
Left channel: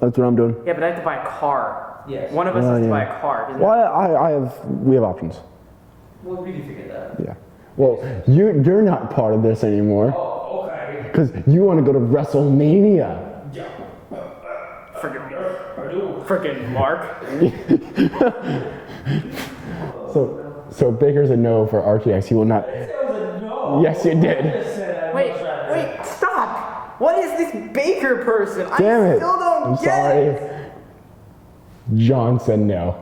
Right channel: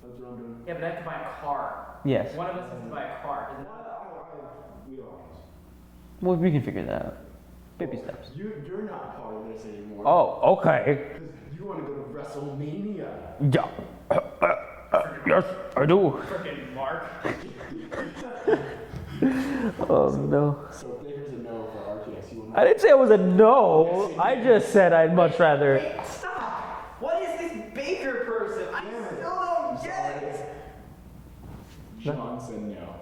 That's what I'm doing. Yeah, but I have to buy a car. Yes. One of us has to yeah. buy a car. Well, we have options. Well, we can figure that out. Yeah. Well, you're not part of this anymore. Oh, okay. Because you want to go to WrestleMania. Yeah. Yes, I do. Freaking Mark. So Baker's a no for RTX. He will not. I didn't say it was a no. Yes, you did. I just said I'd much rather. Wait, stop! What is this Baker person? Damn I it. still don't I'm get sorry. it. John said no.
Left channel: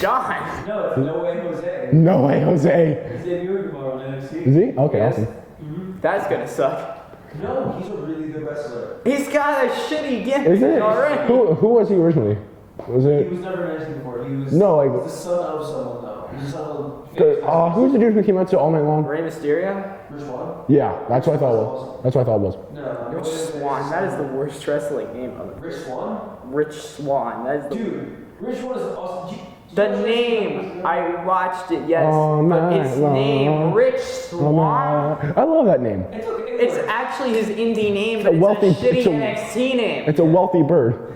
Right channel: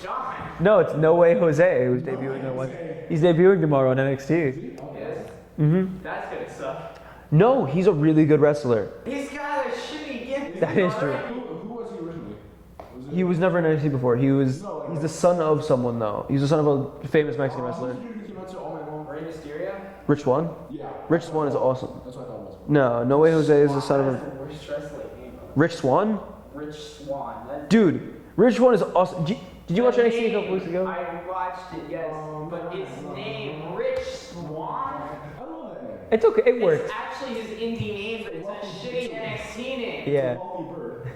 John. No, it's No Way Jose. No way, Jose. He's debuting tomorrow on NXT. Is he? Okay, Yes. awesome. That's gonna suck. No, he's a really good wrestler. He's got a shitty Is gimmick he? already. Who was he originally? Was it? He was never in NXT before. He was he's the son of someone though. He's the son of a famous Mexican. Who's the dude who came out to All Night Long? Rey Mysterio? Rich Swann? Yeah, that's what I thought. Awesome. That's what I thought it was. No way Jose is the son That is of the worst wrestling name of it. Rich Swann? Rich Swann. That's Dude, Rich Swann is awesome. Did you watch the NXT name. I watched it, yes. Oh, but its name, Rich Swann. I love that name. It's okay. It works. It's actually his indie name, but It's it's a shitty NXT name. It's a wealthy bird.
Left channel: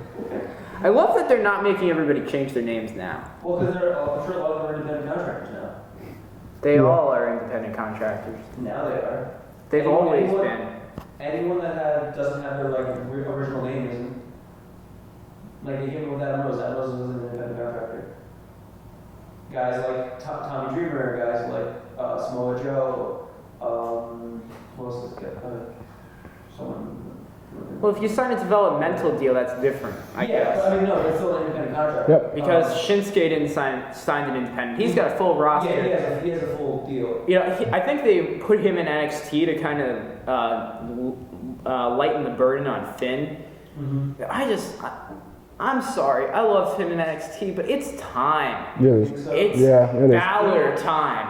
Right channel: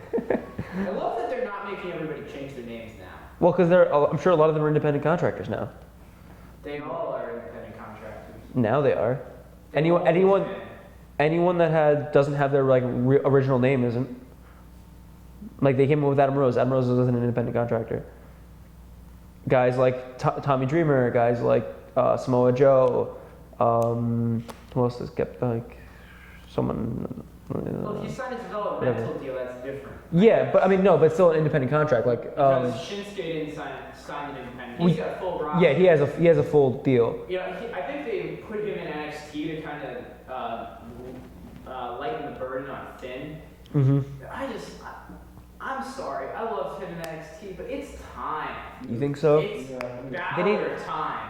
I love that they're not making everybody change their names now. Well, because I'm sure a lot of them are independent contractors now. They all are independent contractors. Now they are. They've always been. Anyone that doesn't have their like original name isn't. Like they came up with Adam Rose. Adam Rose wasn't an independent contractor. Guys like Tommy Dreamer, guys like Samoa Joe. Who else has got like someone? Well, if you sign a developmental deal, that's different. I guess. But I mean, no, that's still an independent contract. Like, Because Shinsuke didn't sign an independent. He's got a full roster. Yeah, he has a full deal. You know, I think they put him in NXT to kind of lighten the burden on Finn. Mm-hmm. I'm sorry. I loved him in NXT, but it's time. Yeah, You think so? It's it is. Balor time.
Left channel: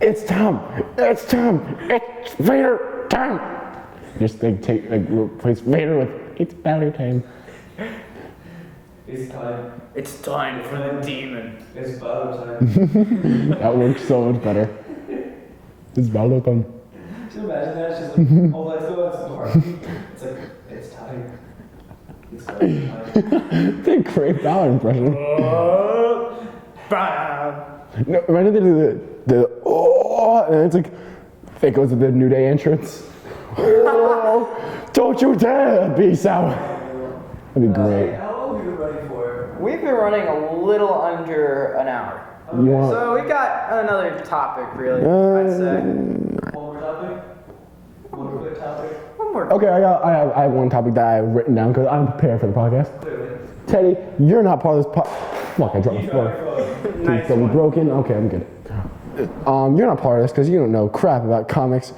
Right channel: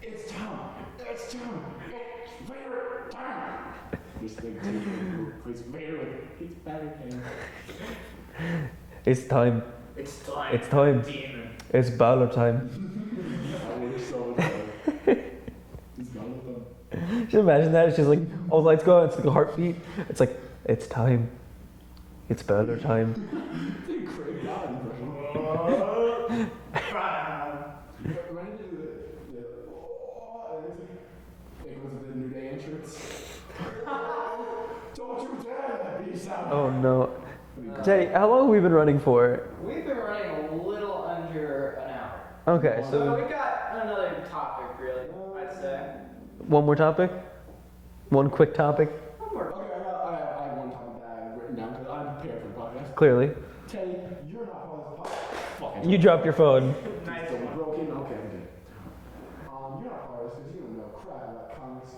It's time. It's time. It's Vader time. Just replace Vader with it's Balor time. It's time. It's time It's for time. the demon. It's Balor time. That works so much better. It's Balor time. Just imagine that. It's just like all the lights go. It's like a heartbeat. It's like it's time. It's Balor time. It's a great Balor impression. Bam. You know, imagine they do the oh, and it's like it goes to the New Day entrance. Oh, don't you dare be sour. Oh no. That'd be Jay, great. how long have we been running for? We've been running a little under an hour. Okay. Wow. So we got another topic, really, I'd say. One more topic? One quick topic? One more. Okay, I have one topic that I've written down because I'm prepared for the podcast. Clearly. Teddy, you're not part of this Fuck, I dropped You my dropped your phone. Please Nice don't be one. broken. Okay, I'm good. You're not part of this because you don't know crap about comics.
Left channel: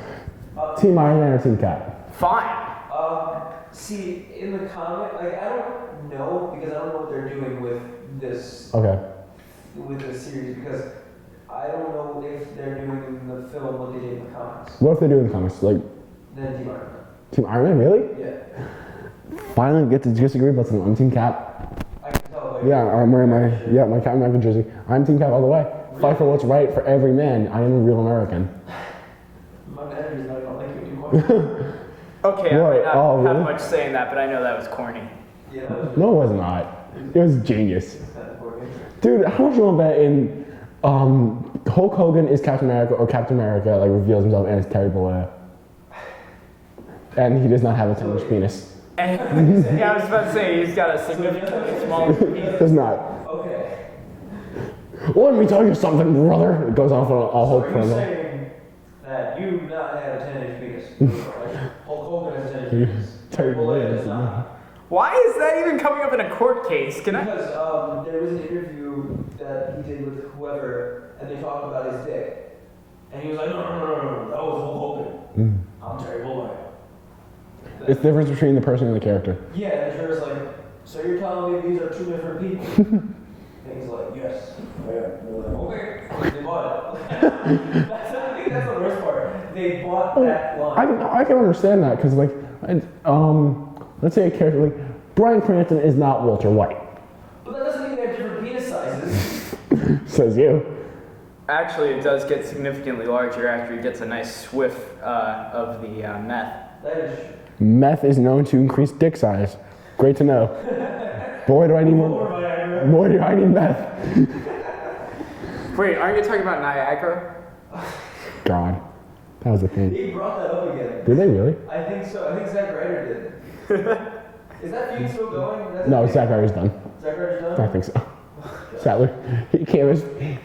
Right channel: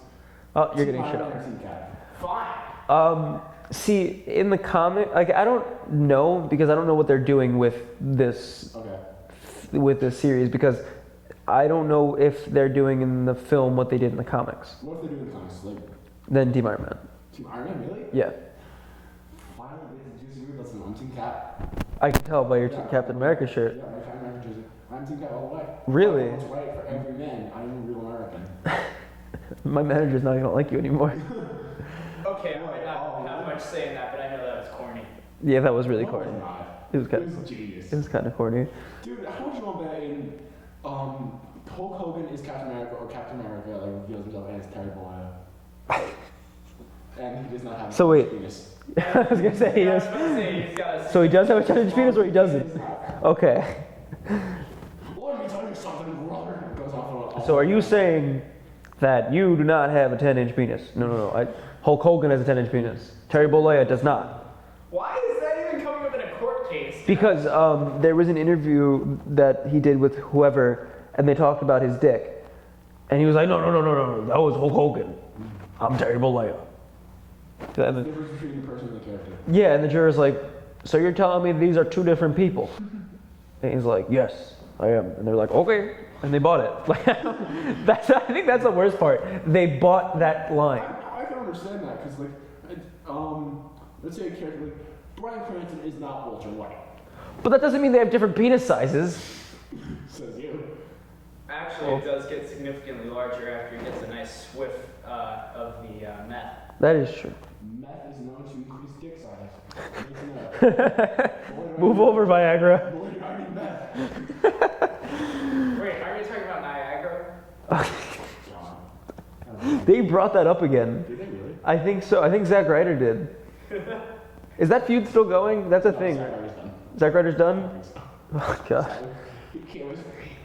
Oh, Team Iron Man or Team Cap? Fine. See, in the comic, like I don't know because I don't know what they're doing with this Okay. series because I don't know if they're doing in the film what they did in the comics. What if they do in the comics? Like Then Team Iron Man. Team Iron Man, really? Yeah, Finally get to disagree about something. I'm Team Cap. I can tell by your Yeah, Captain I'm wearing America my shirt. my Captain America jersey. I'm Team Cap all the way. Really? Fight for what's right for every man. I am a real American. My manager's not gonna like you anymore. Okay, What? I might not Oh, have really? much saying that, but I know that was corny. Yeah, that was really. No, cool. it was not. It was It kind was genius. It was kind of corny. Dude, how much you want to bet in Hulk Hogan is Captain America or Captain America like reveals himself and it's Terry Bollea? And he does not have a So 10-inch wait. penis. Yeah, I was about to say, he's got a So he does have a 10-inch penis or he doesn't? Does not. Okay. Let me tell you something, brother. It goes off on a So whole are you promo. saying that you do not have a 10-inch penis? No. Hulk Hogan has a 10-inch penis. Terry Bollea does not. Why is that even coming up in a court case? Because there was an interview that he did with whoever, and they talked about his dick, and he was like, no, that was Hulk Hogan. I'm Terry Bollea. It's the difference between the person and the character. Yeah, and the juror's like, so you're telling me these are two different people? And he's like, yes, I am. And they're like, okay. And they bought it. Like, I think that's the worst part. They bought that line. I can understand that because like, let's say a character like Bryan Cranston is not Walter White. But that doesn't mean they have different penis sizes. Says you. Actually, it does get significantly larger after he gets a nice whiff of the meth. That is true. Meth is known to increase dick size. Great to know. Boy, do I Move need over, Viagra. Boy, do I need meth. Wait, aren't you talking about Niagara? God, that was a thing. They brought that up again. Did they really? I think so. I think Zack Ryder did. Is that feud still going? That's a No, thing. Zack Ryder's done. Zack Ryder's done? I think so. Oh, God. Sadly,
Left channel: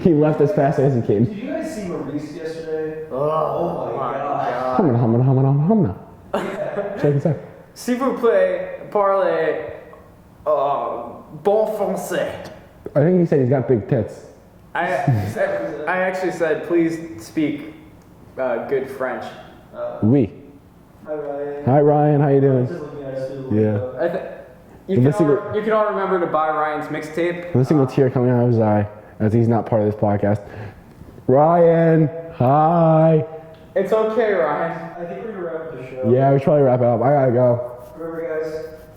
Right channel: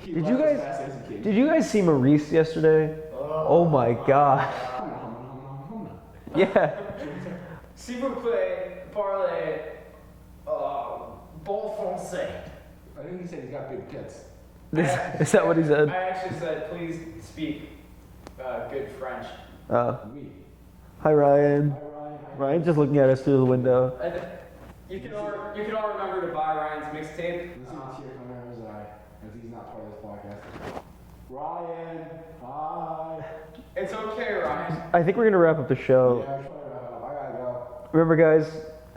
he left as fast as he came. Did you guys see Maurice yesterday? Oh my God. Humna. Yeah. Check it out. S'il vous plaît, parlez bon français. I think he said he's got big tits. Is that what he said? I actually said, please speak good French. Oui. Hi, Ryan. Hi Ryan, how you Ryan's doing? just looking at us through the window. You can all remember to buy Ryan's mixtape. The single tear coming out of his eye as he's not part of this podcast. Ryan, hi. It's okay, Ryan. I think we're gonna wrap up the show. Yeah, we should probably wrap it up. I gotta go. Remember, guys,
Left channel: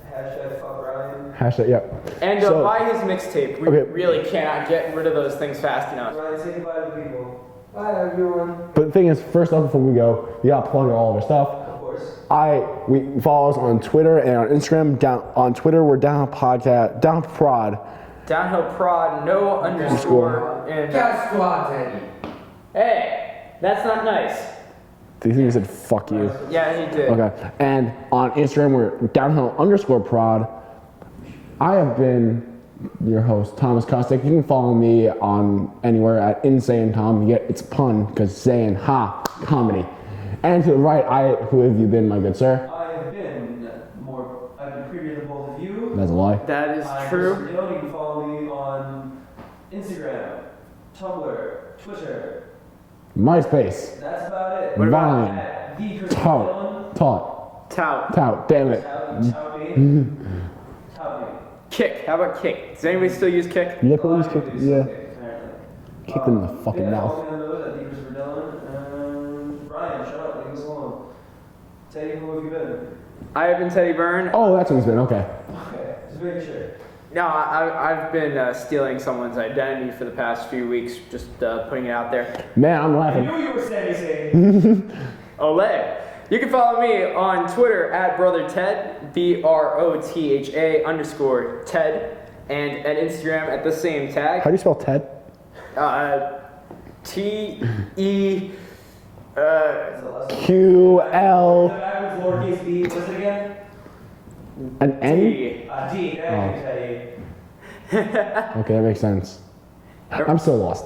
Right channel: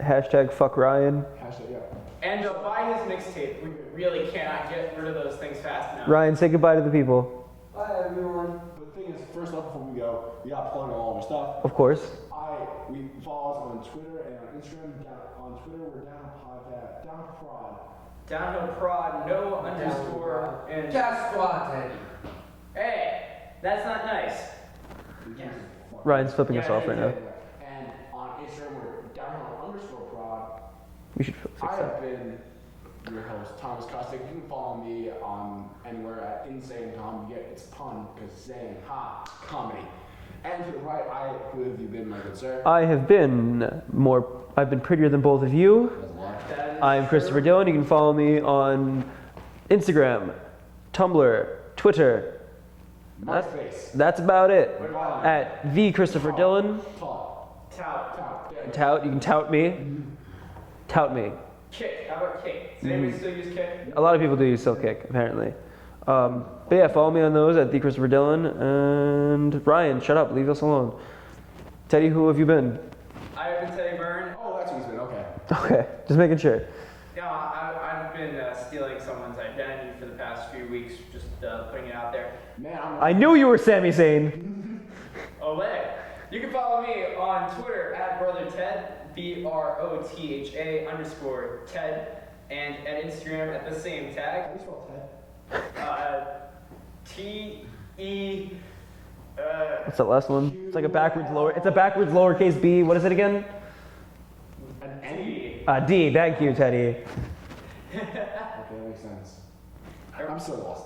hashtag fuck Ryan. Hashtag, yeah. And buy his mixtape. We really cannot get rid of those things fast enough. Ryan, say goodbye to the people. Bye, everyone. But the thing is, first off, before we go, you gotta plug all of our stuff. Of course. We follow us on Twitter and on Instagram. On Twitter, we're Downhill Podcast, Downhill Prod. Downhill Prod, no underscore. And Squad Daddy. hey, that's not nice. Do you think he said fuck you? Ryan's flipping Yeah, he himself did. right Okay. And on Instagram, we're Downhill_Prod. I have been your host, Thomas Kostic. You can follow me on anywhere at Insane Tom. You get it's a pun because saying ha comedy. And to the right, who have you been, my good sir? I've been prettier than both of you. That's a lie. That is I'm true. Christopher Dillon. You can follow me on Instagram, Tumblr, Twitter. MySpace. That's about it. Vine. At the Christopher Dillon. Tout. Tout. Damn it. Tout. You can tout me. Tout me. Kick. How about Kick? Does anybody still use Kick? Yeah, A lot of please people do use yeah. Kick, apparently. Kick them in the But fucking yeah, follow mouth. me on those at the Christopher Dillon. And Ryan, shut up. Leave us alone. Teddy, who have you been? I have been Teddy Byrne. Oh, that's what it's been. Okay. Okay, just making sure. No, I've been stealing someone's identity for the past few weeks, just putting it out there. Man, I'm I laughing. knew you were Sami Zayn. Olay. You can follow me on Twitter at BrotherTed, BROTHA_Ted, and at Instagram at the same How tag. do you spell Ted? TE. What's the last one? Q, L. It's a backwards lowercase b. What is it again? An N? D. D. Thank you, Teddy. Okay, that makes sense. I'm still lost.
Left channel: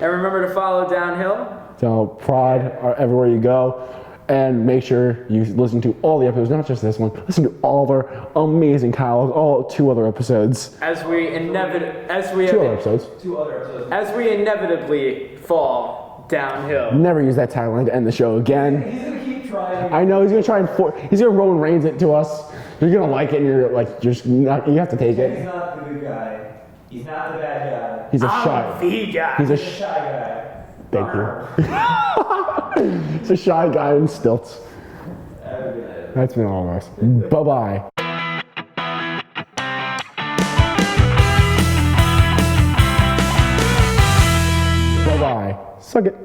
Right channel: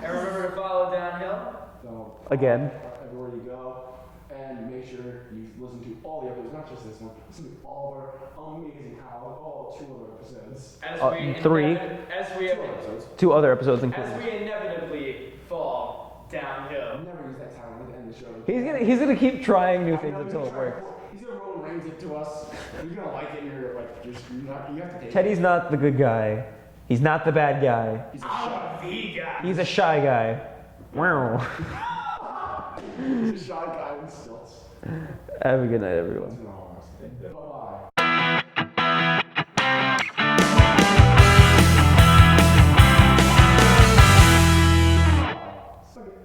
And remember to follow Downhill. So, Prod Again. are everywhere you go. And make sure you listen to all the episodes, not just this one. Listen to all of our amazing catalogs, all 2 other episodes. As we 2 other episodes. 2 other episodes. as we inevitably fall downhill. Never use that tagline to end the show again. He's gonna keep trying. I know he's gonna try and he's gonna Roman Reigns it to us. You're gonna like it, and you're like, just not, you have to take Teddy's it. not the good guy. He's not the bad guy. He's a I'm shy. the guy. He's a shy guy. Thank you. He's a shy guy in stilts. Have a good night, everyone. That's been all of us. Bye bye. Bye bye. Suck it.